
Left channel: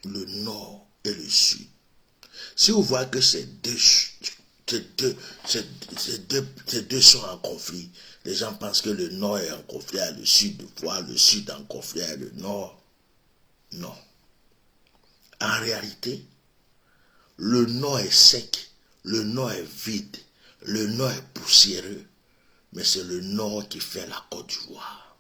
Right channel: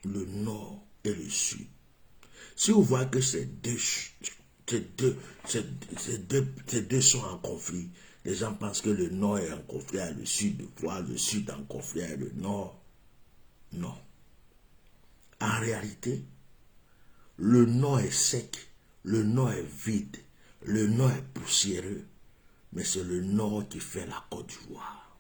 le nord et le sud. Si vous voyez que ces deux sont en conflit, les gens pensent que le nord est en conflit avec le sud, voire le sud en conflit avec le nord. Non. En réalité, le nord est sec, le nord est vide, le nord est poussiéreux, mais c'est le nord qui fait la Côte d'Ivoire.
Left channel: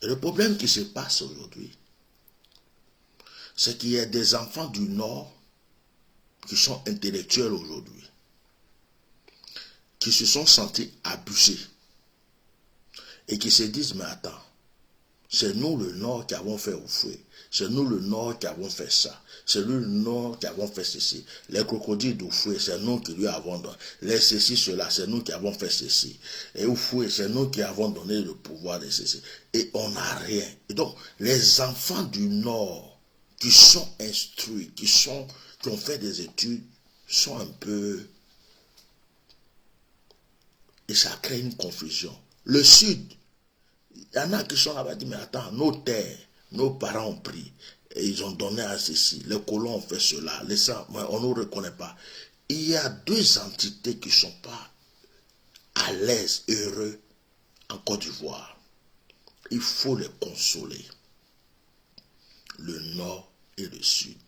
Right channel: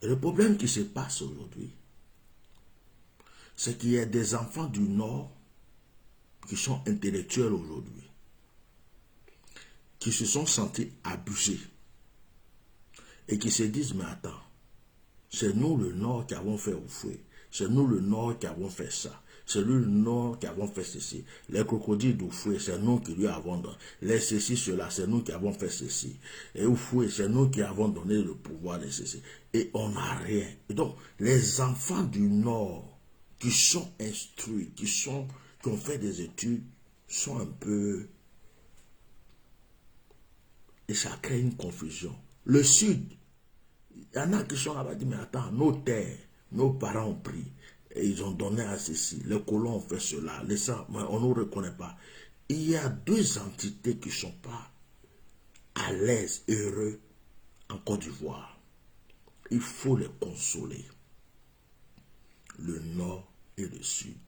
Et le problème qui se passe aujourd'hui, c'est qu'il y a des enfants du nord qui sont intellectuels aujourd'hui, qui se sont sentis abusés et qui se disent, mais attends, c'est nous le nord qui avons fait Oufoué, c'est nous le nord qui avons fait ça, c'est nous le nord qui avons fait ceci, les crocodiles d'Oufoué, c'est nous qui lui avons donné, les ceci, cela, c'est nous qui avons fait ceci, et Oufoué, c'est nous qui avons donné le pouvoir de ceci, et on n'a rien. Et donc, les enfants du nord qui sont instruits, qui ont fait des études, sont un peu... Et ça crée une confusion. Le sud, il y en a qui sont là-bas, disent, mais attends, nos terres, nos parents ont pris, et ils ont donné à ceci, les colons ont fait cela, les sangs, on ne nous reconnaît pas. Il y a deux entités qui ne sont pas à l'aise, heureux, en Côte d'Ivoire. Il faut les consoler. Le nord et le sud.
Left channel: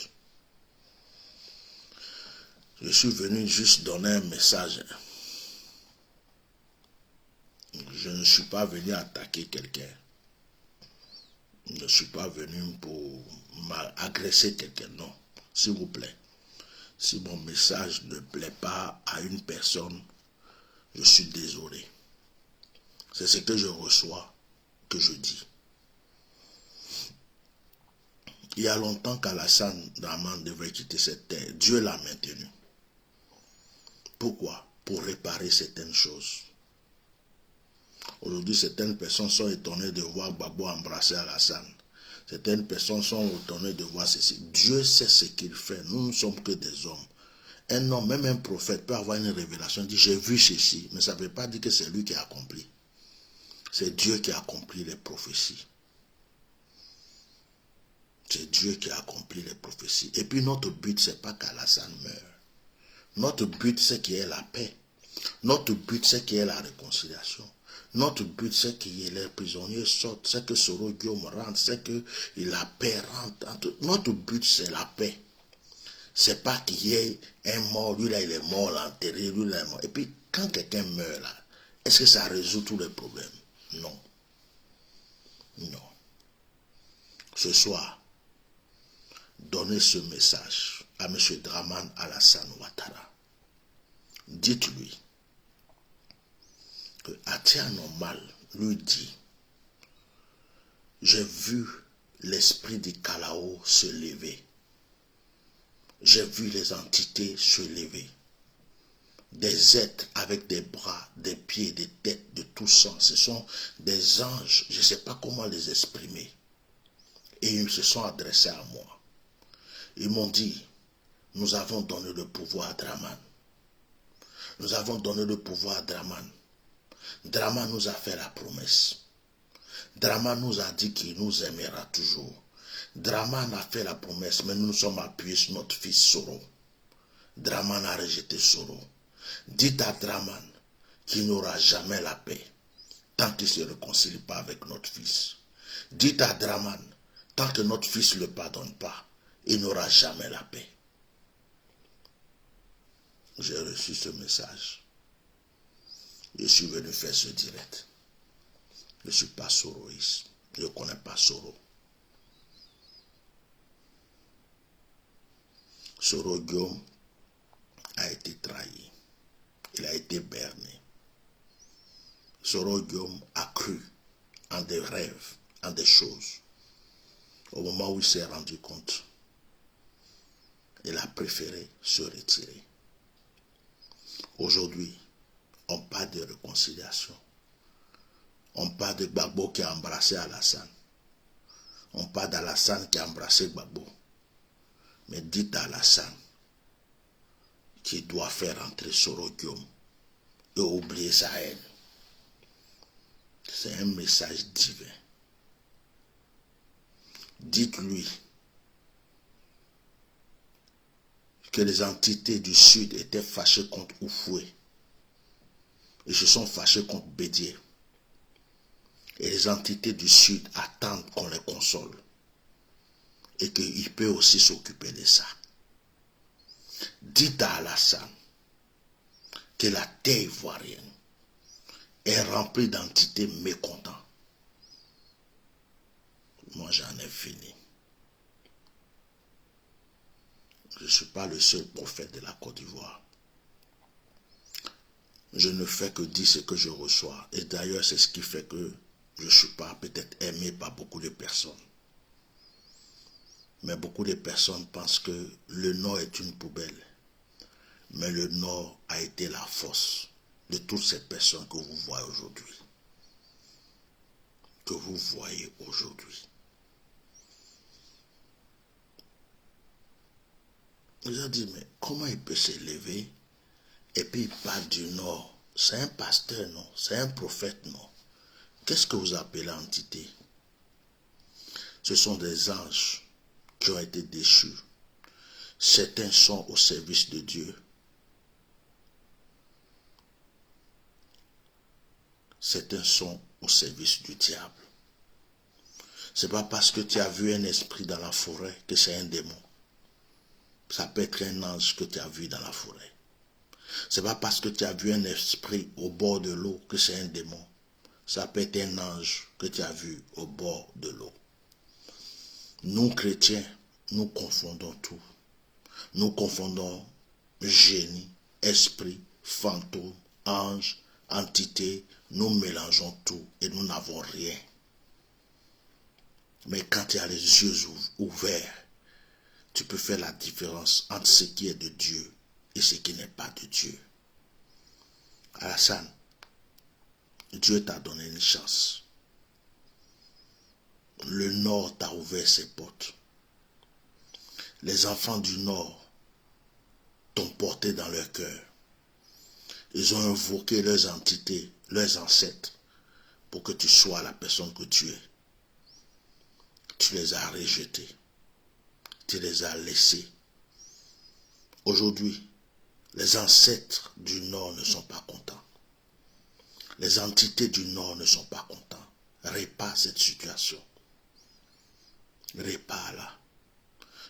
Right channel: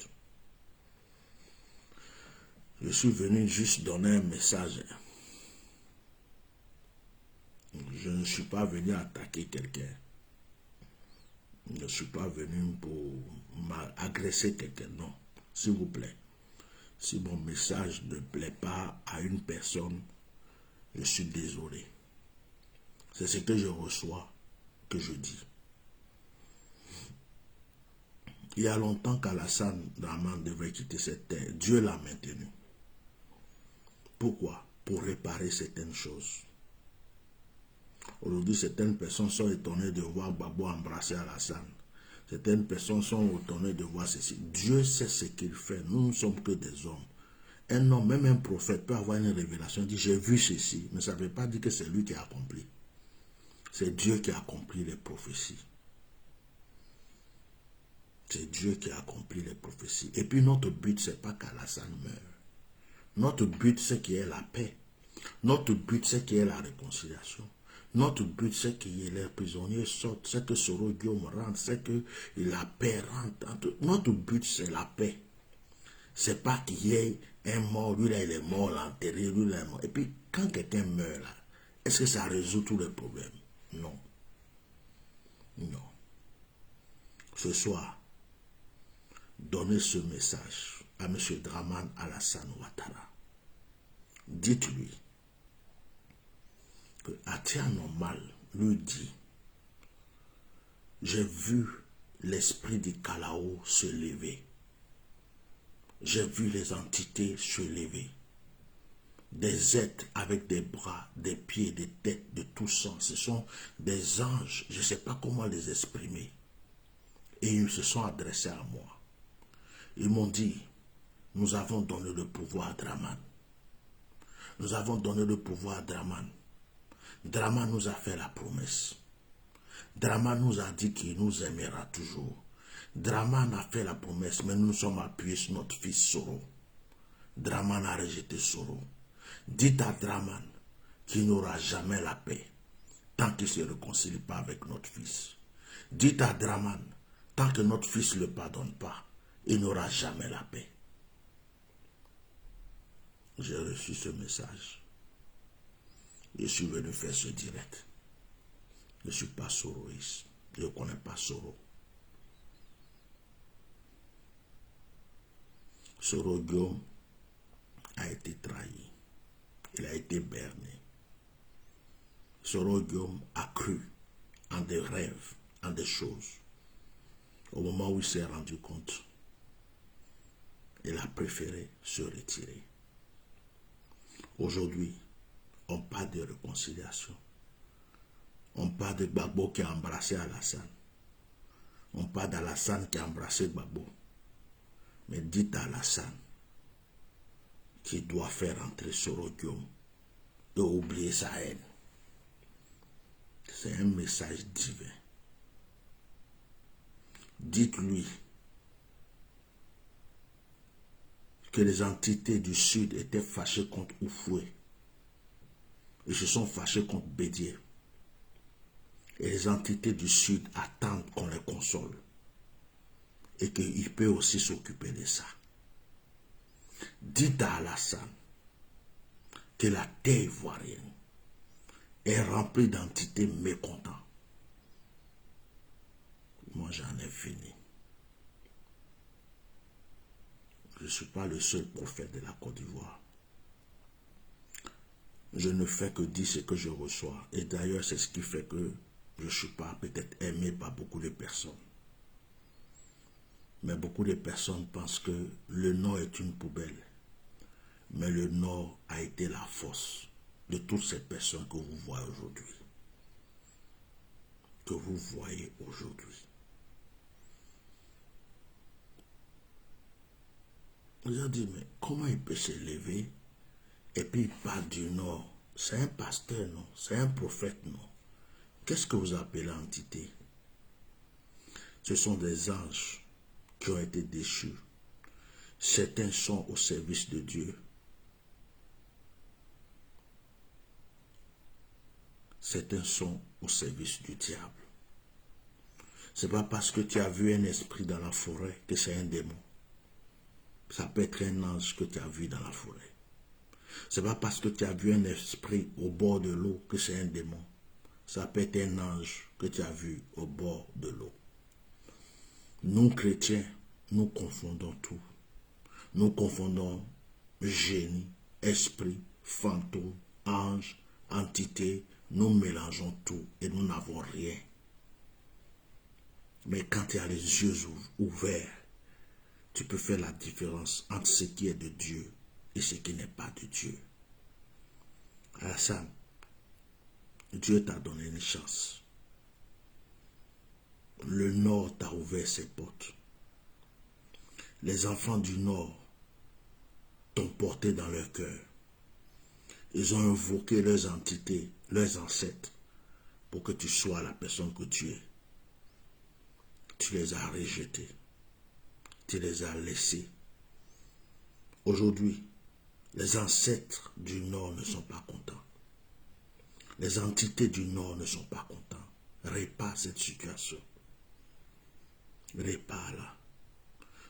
Je suis venu juste donner un message. Je ne suis pas venu attaquer quelqu'un. Je ne suis pas venu pour agresser quelqu'un. Non, s'il vous plaît. Si mon message ne plaît pas à une personne, je suis désolé. C'est ce que je reçois que je dis. Il y a longtemps qu'Alassane Dramane devait quitter cette terre. Dieu l'a maintenu. Pourquoi? Pour réparer certaines choses. Aujourd'hui, certaines personnes sont étonnées de voir Gbagbo embrasser Alassane. Certaines personnes sont étonnées de voir ceci. Dieu sait ce qu'il fait. Nous ne sommes que des hommes. Un homme, même un prophète, peut avoir une révélation. Il dit, j'ai vu ceci. Mais ça ne veut pas dire que c'est lui qui a accompli. C'est Dieu qui a accompli les prophéties. C'est Dieu qui a accompli les prophéties. Et puis notre but, ce n'est pas qu'Alassane meure. Notre but, c'est qu'il y ait la paix. Notre but, c'est qu'il y ait la réconciliation. Notre but, c'est que les prisonniers sortent, c'est que Soro Guillaume rentre, c'est que la paix rentre. Notre but, c'est la paix. C'est pas qu'il y ait un mort, lui là, il est mort, l'enterré, lui là, il est mort. Et puis, quand quelqu'un meurt là, est-ce que ça résout tous les problèmes? Non. Non. Ce soir, donnez ce message à M. Dramane Alassane Ouattara. Dites-lui que Atia Normal lui dit, j'ai vu l'esprit du Kalao se lever. J'ai vu les entités se lever. Des êtres avec des bras, des pieds, des têtes, de tout sang. Ce sont des anges, je ne sais pas comment les exprimer. Et ils se sont adressés à moi. Ils m'ont dit, nous avons donné le pouvoir à Dramane. Nous avons donné le pouvoir à Dramane. Dramane nous a fait la promesse. Dramane nous a dit qu'il nous aimera toujours. Dramane a fait la promesse, mais nous nous sommes appuyés sur notre fils Soro. Dramane a rejeté Soro. Dites à Dramane qu'il n'aura jamais la paix tant qu'il ne se réconcilie pas avec notre fils. Dites à Dramane, tant que notre fils ne le pardonne pas, il n'aura jamais la paix. J'ai reçu ce message. Je suis venu faire ce direct. Je ne suis pas soroïste. Je ne connais pas Soro. Soro Guillaume a été trahi. Il a été berné. Soro Guillaume a cru en des rêves, en des choses. Au moment où il s'est rendu compte, il a préféré se retirer. Aujourd'hui, on parle de réconciliation. On parle de Gbagbo qui a embrassé Alassane. On parle d'Alassane qui a embrassé Gbagbo. Mais dites à Alassane qu'il doit faire entrer Soro Guillaume et oublier sa haine. C'est un message divin. Dites-lui que les entités du sud étaient fâchées contre Oufoué. Ils se sont fâchés contre Bédier. Et les entités du sud attendent qu'on les console. Et qu'il peut aussi s'occuper de ça. Dites à Alassane que la terre ivoirienne est remplie d'entités mécontentes. Moi, j'en ai fini. Je ne suis pas le seul prophète de la Côte d'Ivoire. Je ne fais que dire ce que je reçois. Et d'ailleurs, c'est ce qui fait que je ne suis pas peut-être aimé par beaucoup de personnes. Mais beaucoup de personnes pensent que le Nord est une poubelle. Mais le Nord a été la force de toutes ces personnes que vous voyez aujourd'hui. Que vous voyez aujourd'hui. Vous avez dit, mais comment il peut s'élever et puis il parle du Nord? C'est un pasteur, non? C'est un prophète, non? Qu'est-ce que vous appelez entité? Ce sont des anges qui ont été déchus. Certains sont au service de Dieu. Certains sont au service du diable. Ce n'est pas parce que tu as vu un esprit dans la forêt que c'est un démon. Ça peut être un ange que tu as vu dans la forêt. Ce n'est pas parce que tu as vu un esprit au bord de l'eau que c'est un démon. Ça peut être un ange que tu as vu au bord de l'eau. Nous, chrétiens, nous confondons tout. Nous confondons génie, esprit, fantôme, ange, entité. Nous mélangeons tout et nous n'avons rien. Mais quand tu as les yeux ouverts, tu peux faire la différence entre ce qui est de Dieu et ce qui n'est pas de Dieu. Alassane, Dieu t'a donné une chance. Le Nord t'a ouvert ses portes. Les enfants du Nord t'ont porté dans leur cœur. Ils ont invoqué leurs entités, leurs ancêtres, pour que tu sois la personne que tu es. Tu les as rejetés. Tu les as laissés. Aujourd'hui, les ancêtres du Nord ne sont pas contents. Les entités du Nord ne sont pas contents. Répare cette situation. Répare-la.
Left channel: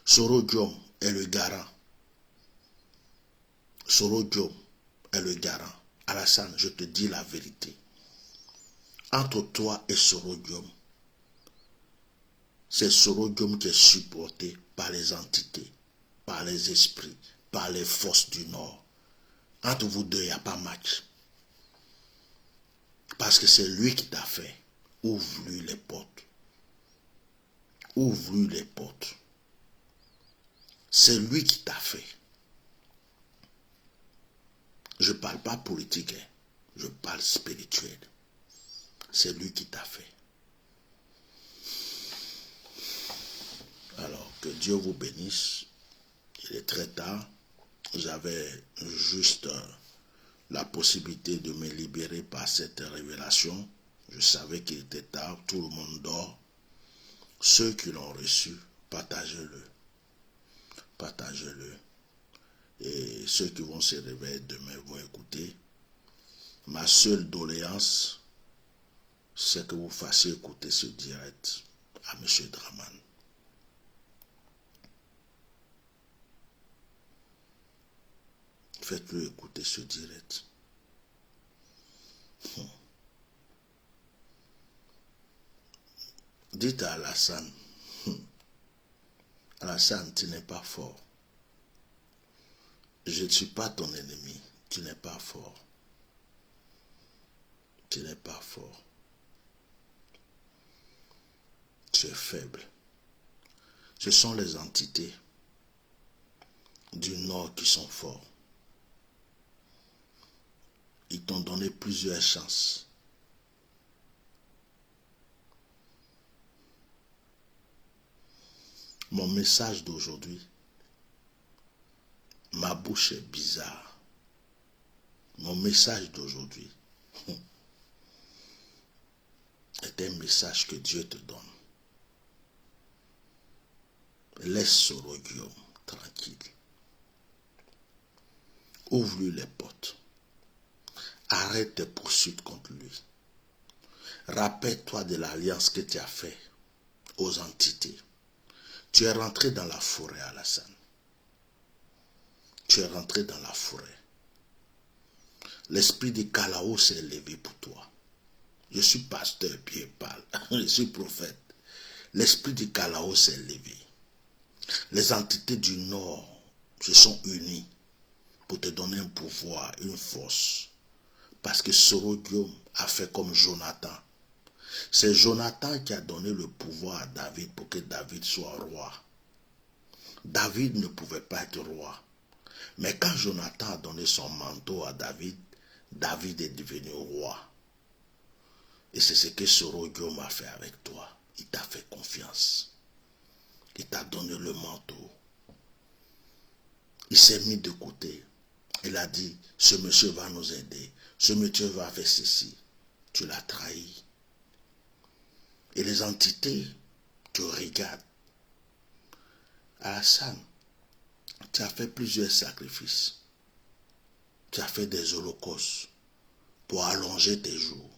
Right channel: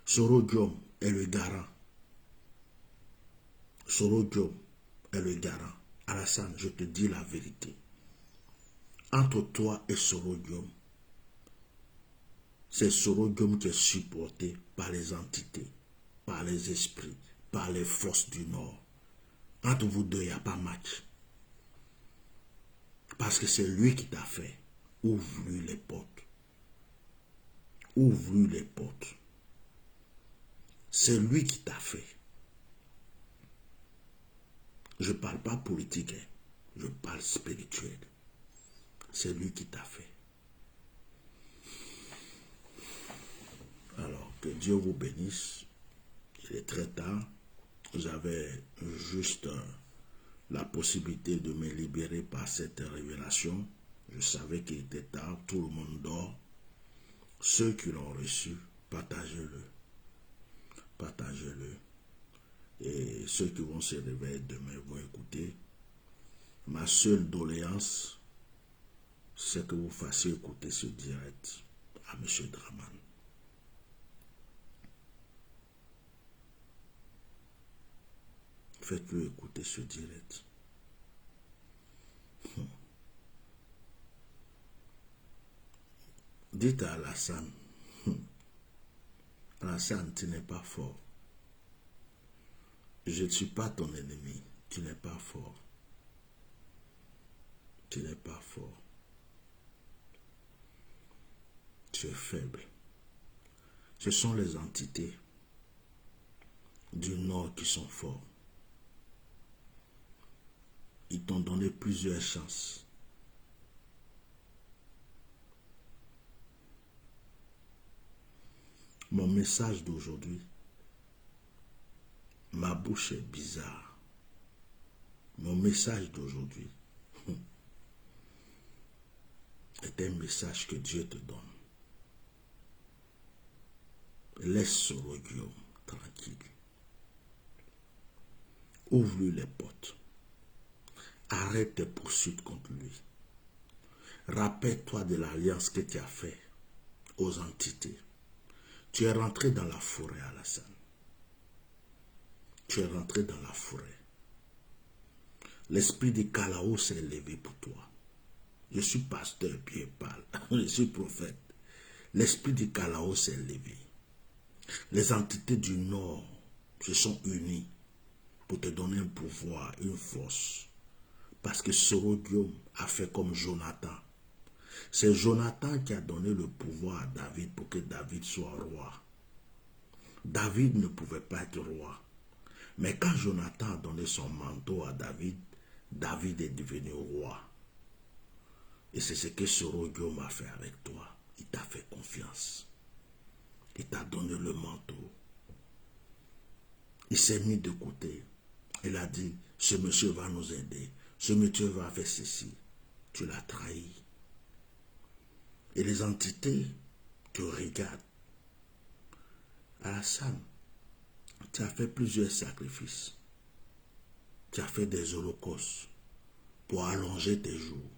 Sorodium est le garant. Sorodium est le garant. Alassane, je te dis la vérité. Entre toi et Sorodium, c'est Sorodium qui est supporté par les entités, par les esprits, par les forces du Nord. Entre vous deux, il n'y a pas match. Parce que c'est lui qui t'a fait. Ouvre-lui les portes. Ouvre-lui les portes. C'est lui qui t'a fait. Je ne parle pas politique, hein. Je parle spirituel. C'est lui qui t'a fait. Alors, que Dieu vous bénisse. Il est très tard. J'avais juste la possibilité de me libérer par cette révélation. Je savais qu'il était tard, tout le monde dort. Ceux qui l'ont reçu, partagez-le. Partagez-le. Et ceux qui vont se réveiller demain vont écouter. Ma seule doléance, c'est que vous fassiez écouter ce direct à M. Draman. Faites-le écouter ce direct. Dites à Alassane, Alassane, tu n'es pas fort. Je ne suis pas ton ennemi. Tu n'es pas fort. Tu n'es pas fort. Tu es faible. Ce sont les entités du Nord qui sont forts. Ils t'ont donné plusieurs chances. Mon message d'aujourd'hui, ma bouche est bizarre. Mon message d'aujourd'hui est un message que Dieu te donne. Laisse Soro Guillaume tranquille. Ouvre-lui les portes. Arrête tes poursuites contre lui. Rappelle-toi de l'alliance que tu as faite aux entités. Tu es rentré dans la forêt, Alassane. Tu es rentré dans la forêt. L'esprit de Kalao s'est élevé pour toi. Je suis pasteur, Pierre parle. Je suis prophète. L'esprit de Kalao s'est élevé. Les entités du Nord se sont unies pour te donner un pouvoir, une force. Parce que Soro Guillaume a fait comme Jonathan. C'est Jonathan qui a donné le pouvoir à David pour que David soit roi. David ne pouvait pas être roi. Mais quand Jonathan a donné son manteau à David, David est devenu roi. Et c'est ce que Soro Guillaume a fait avec toi. Il t'a fait confiance. Il t'a donné le manteau. Il s'est mis de côté. Il a dit, ce monsieur va nous aider. Ce monsieur va faire ceci. Tu l'as trahi. Et les entités te regardent. Alassane, tu as fait plusieurs sacrifices. Tu as fait des holocaustes pour allonger tes jours.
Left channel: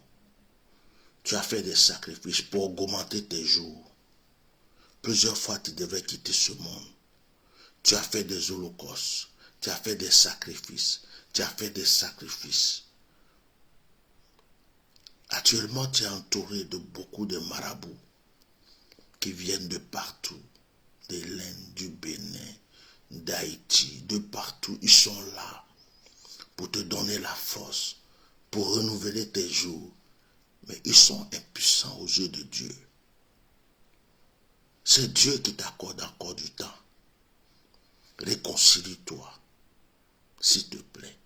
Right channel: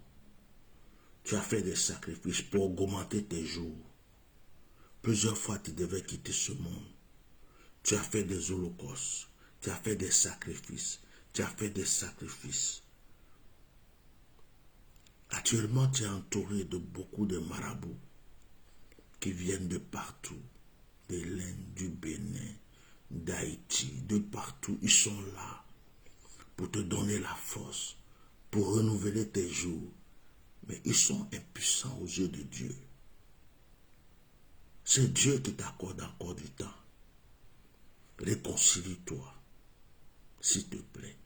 Tu as fait des sacrifices pour augmenter tes jours. Plusieurs fois, tu devais quitter ce monde. Tu as fait des holocaustes. Tu as fait des sacrifices. Tu as fait des sacrifices. Actuellement, tu es entouré de beaucoup de marabouts qui viennent de partout. De l'Inde, du Bénin, d'Haïti, de partout. Ils sont là pour te donner la force, pour renouveler tes jours. Mais ils sont impuissants aux yeux de Dieu. C'est Dieu qui t'accorde encore du temps. Réconcilie-toi, s'il te plaît.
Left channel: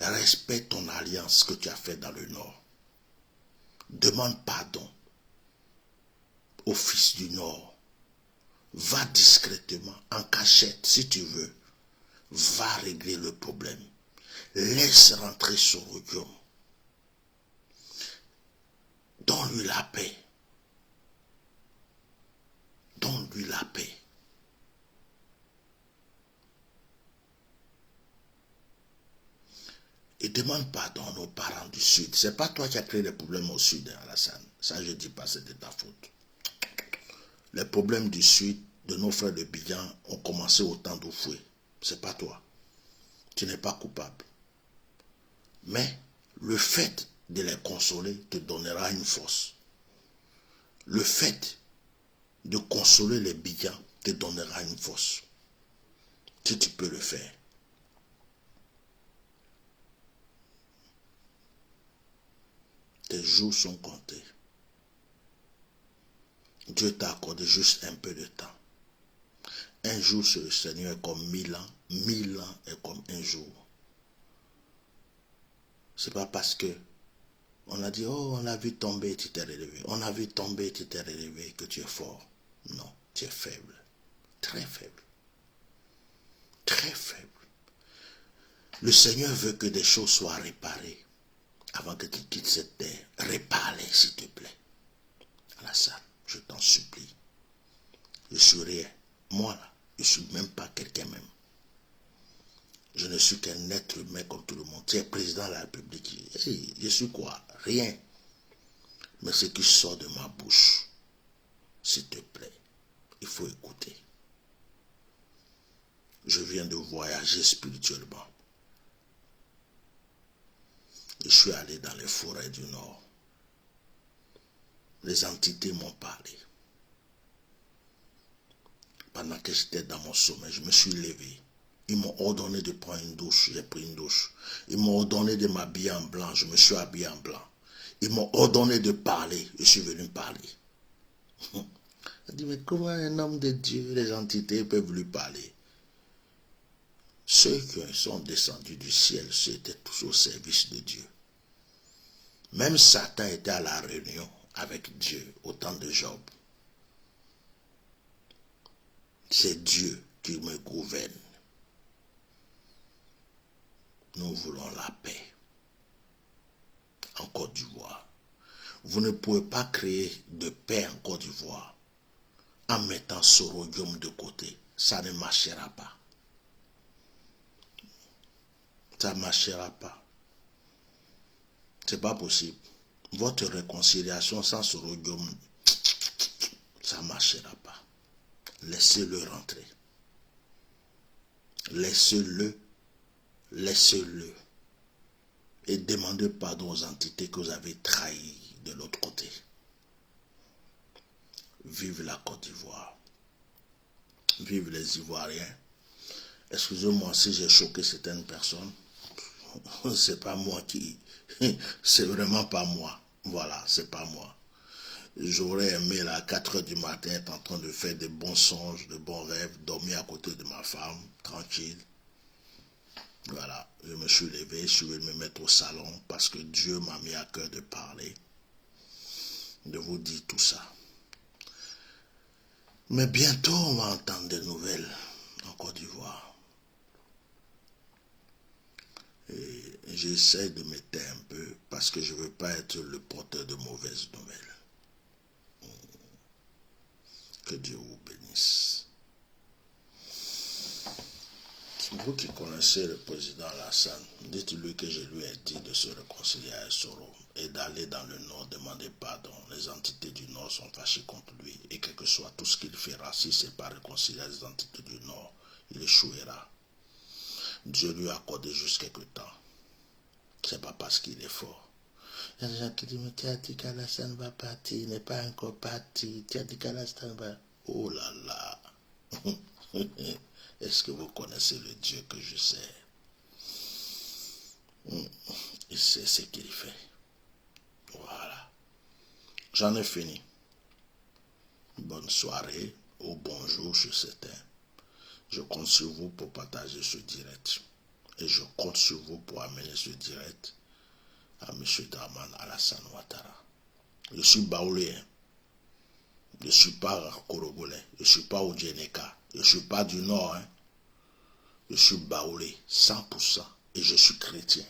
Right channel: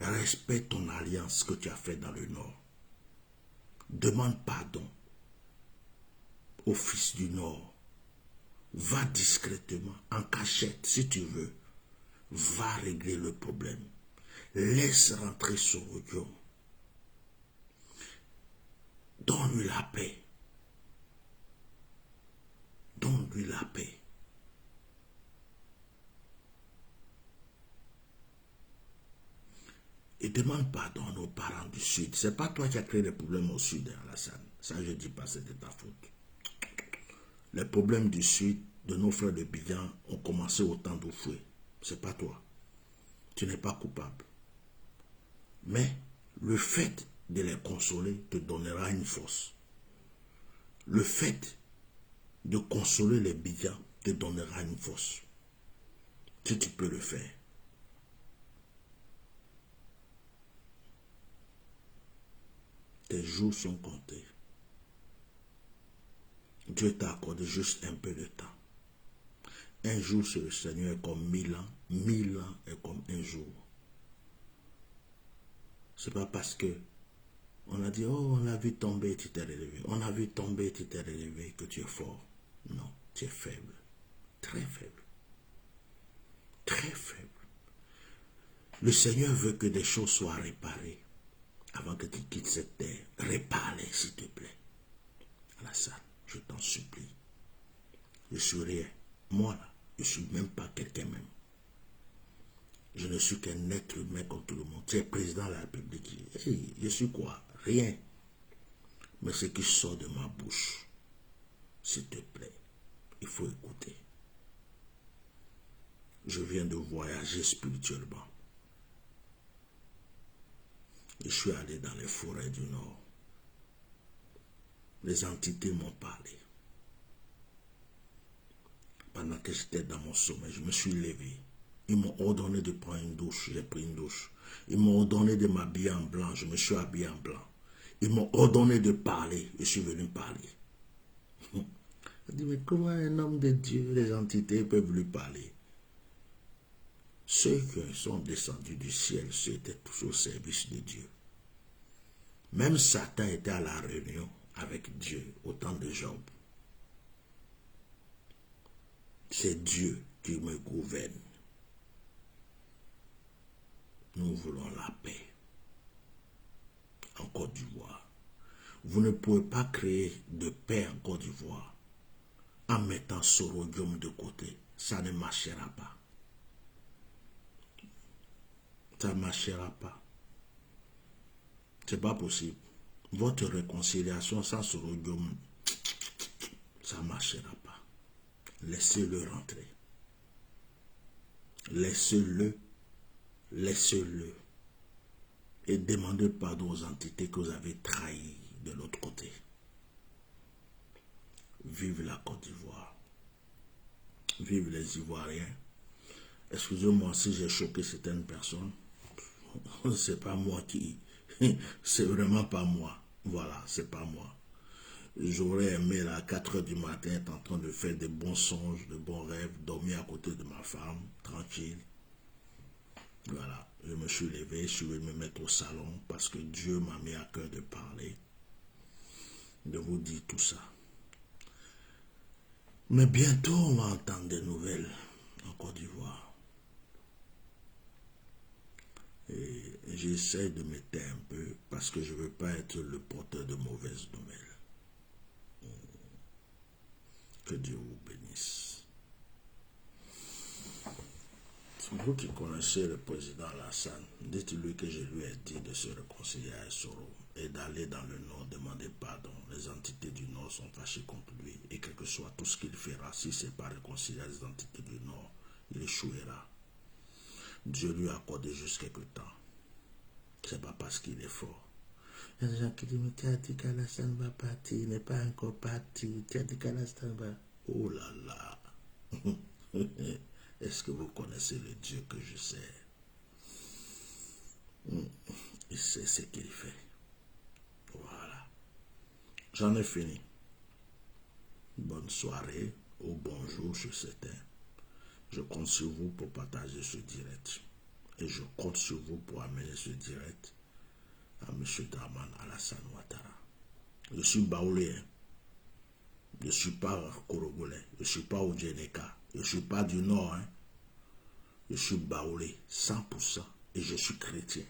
Respecte ton alliance que tu as faite dans le Nord. Demande pardon au fils du Nord. Va discrètement, en cachette, si tu veux. Va régler le problème. Laisse rentrer Soro Guillaume. Donne-lui la paix. Donne-lui la paix. Et demande pardon à nos parents du Sud. Ce n'est pas toi qui as créé les problèmes au Sud, Alassane. Ça, je ne dis pas, c'est de ta faute. Les problèmes du Sud, de nos frères de Bijan, ont commencé au temps d'Oufoué. Ce n'est pas toi. Tu n'es pas coupable. Mais le fait de les consoler te donnera une force. Le fait de consoler les Bidjans te donnera une force. Si tu peux le faire. Tes jours sont comptés. Dieu t'a accordé juste un peu de temps. Un jour sur le Seigneur est comme 1000 ans. 1000 ans est comme un jour. C'est pas parce que on a dit, oh, on a vu tomber, tu t'es relevé. On a vu tomber, tu t'es relevé, que tu es fort. Non, tu es faible. Très faible. Très faible. Le Seigneur veut que des choses soient réparées avant que tu quittes cette terre. Répare-les, s'il te plaît. Alassane, je t'en supplie. Je suis rien. Moi, là, je ne suis même pas quelqu'un même. Je ne suis qu'un être humain comme tout le monde. Tu es président de la République. Hey, je suis quoi? Rien. Mais ce qui sort de ma bouche, s'il te plaît, il faut écouter. Je viens de voyager spirituellement. Je suis allé dans les forêts du Nord. Les entités m'ont parlé. Pendant que j'étais dans mon sommeil, je me suis levé. Ils m'ont ordonné de prendre une douche, j'ai pris une douche. Ils m'ont ordonné de m'habiller en blanc, je me suis habillé en blanc. Ils m'ont ordonné de parler, je suis venu parler. Je dis, mais comment un homme de Dieu, les entités peuvent lui parler? Ceux qui sont descendus du ciel, c'était tous au service de Dieu. Même Satan était à la réunion avec Dieu au temps de Job. C'est Dieu qui me gouverne. Nous voulons la paix en Côte d'Ivoire. Vous ne pouvez pas créer de paix en Côte d'Ivoire en mettant Sorodium de côté. Ça ne marchera pas. Ça ne marchera pas. C'est pas possible. Votre réconciliation sans Sorodium, ça ne marchera pas. Laissez-le rentrer. Laissez-le. Laissez-le. Et demandez pardon aux entités que vous avez trahies de l'autre côté. Vive la Côte d'Ivoire. Vive les Ivoiriens. Excusez-moi si j'ai choqué certaines personnes. C'est pas moi qui... C'est vraiment pas moi. Voilà, c'est pas moi. J'aurais aimé là, à 4 h du matin être en train de faire de bons songes, de bons rêves, dormir à côté de ma femme, tranquille. Voilà, je me suis levé, je suis venu me mettre au salon parce que Dieu m'a mis à cœur de parler, de vous dire tout ça. Mais bientôt, on va entendre des nouvelles en Côte d'Ivoire. Et j'essaie de me taire un peu parce que je ne veux pas être le porteur de mauvaises nouvelles. Que Dieu vous bénisse. Vous qui connaissez le président Alassane, dites-lui que je lui ai dit de se réconcilier avec Soro et d'aller dans le Nord demander pardon. Les entités du Nord sont fâchées contre lui et quel que soit tout ce qu'il fera, si ce n'est pas réconcilier les entités du Nord, il échouera. Dieu lui a accordé juste quelques temps. Ce n'est pas parce qu'il est fort. Il y a des gens qui disent, mais tu as dit qu'Alassane va partir, il n'est pas encore parti. Tu as dit qu'Alassane va... Oh là là. Est-ce que vous connaissez le Dieu que je sais? Il sait ce qu'il fait. Voilà. J'en ai fini. Bonne soirée ou bonjour sur certains. Je compte sur vous pour partager ce direct. Et je compte sur vous pour amener ce direct à M. Dramane Alassane Ouattara. Je suis baoulé. Je ne suis pas Korogolais. Je ne suis pas Odjeneka. Je ne suis pas du Nord. Je suis baoulé 100% et je suis chrétien.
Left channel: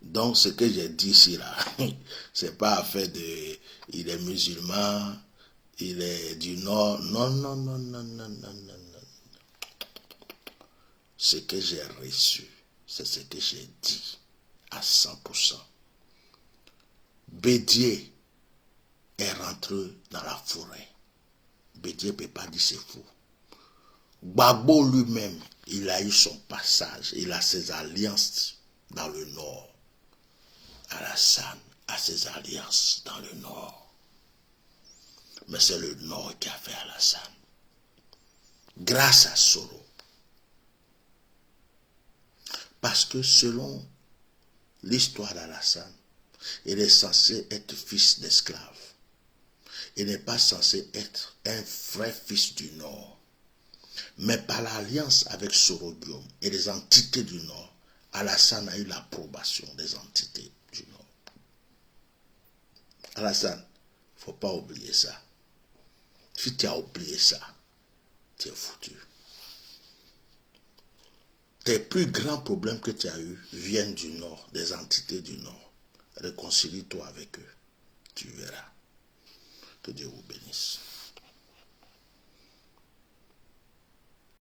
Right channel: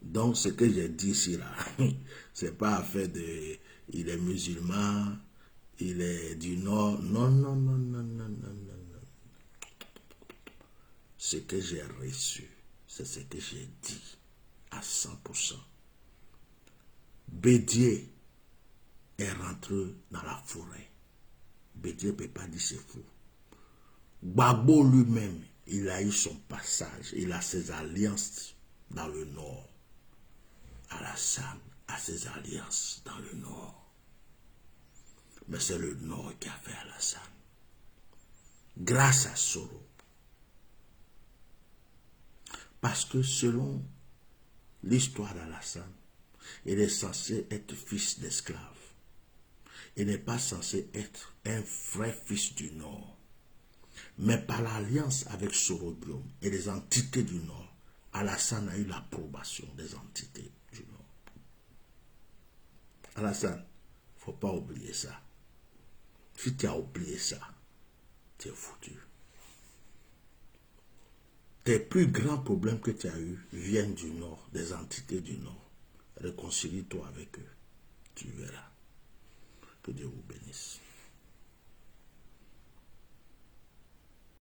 Donc ce que j'ai dit ici là, c'est pas affaire de il est musulman, il est du Nord. Non, non, non, non, non, non, non, non. Ce que j'ai reçu, c'est ce que j'ai dit à 100%. Bédier est rentré dans la forêt. Bédier ne peut pas dire c'est fou. Gbagbo lui-même, il a eu son passage, il a ses alliances dans le Nord. Alassane a ses alliances dans le Nord. Mais c'est le Nord qui a fait Alassane. Grâce à Soro. Parce que selon l'histoire d'Alassane, il est censé être fils d'esclave. Il n'est pas censé être un vrai fils du Nord. Mais par l'alliance avec Sorodium et les entités du Nord, Alassane a eu l'approbation des entités du Nord. Alassane, il ne faut pas oublier ça. Si tu as oublié ça, tu es foutu. Tes plus grands problèmes que tu as eus viennent du Nord, des entités du Nord. Réconcilie-toi avec eux. Tu verras. Que Dieu vous bénisse.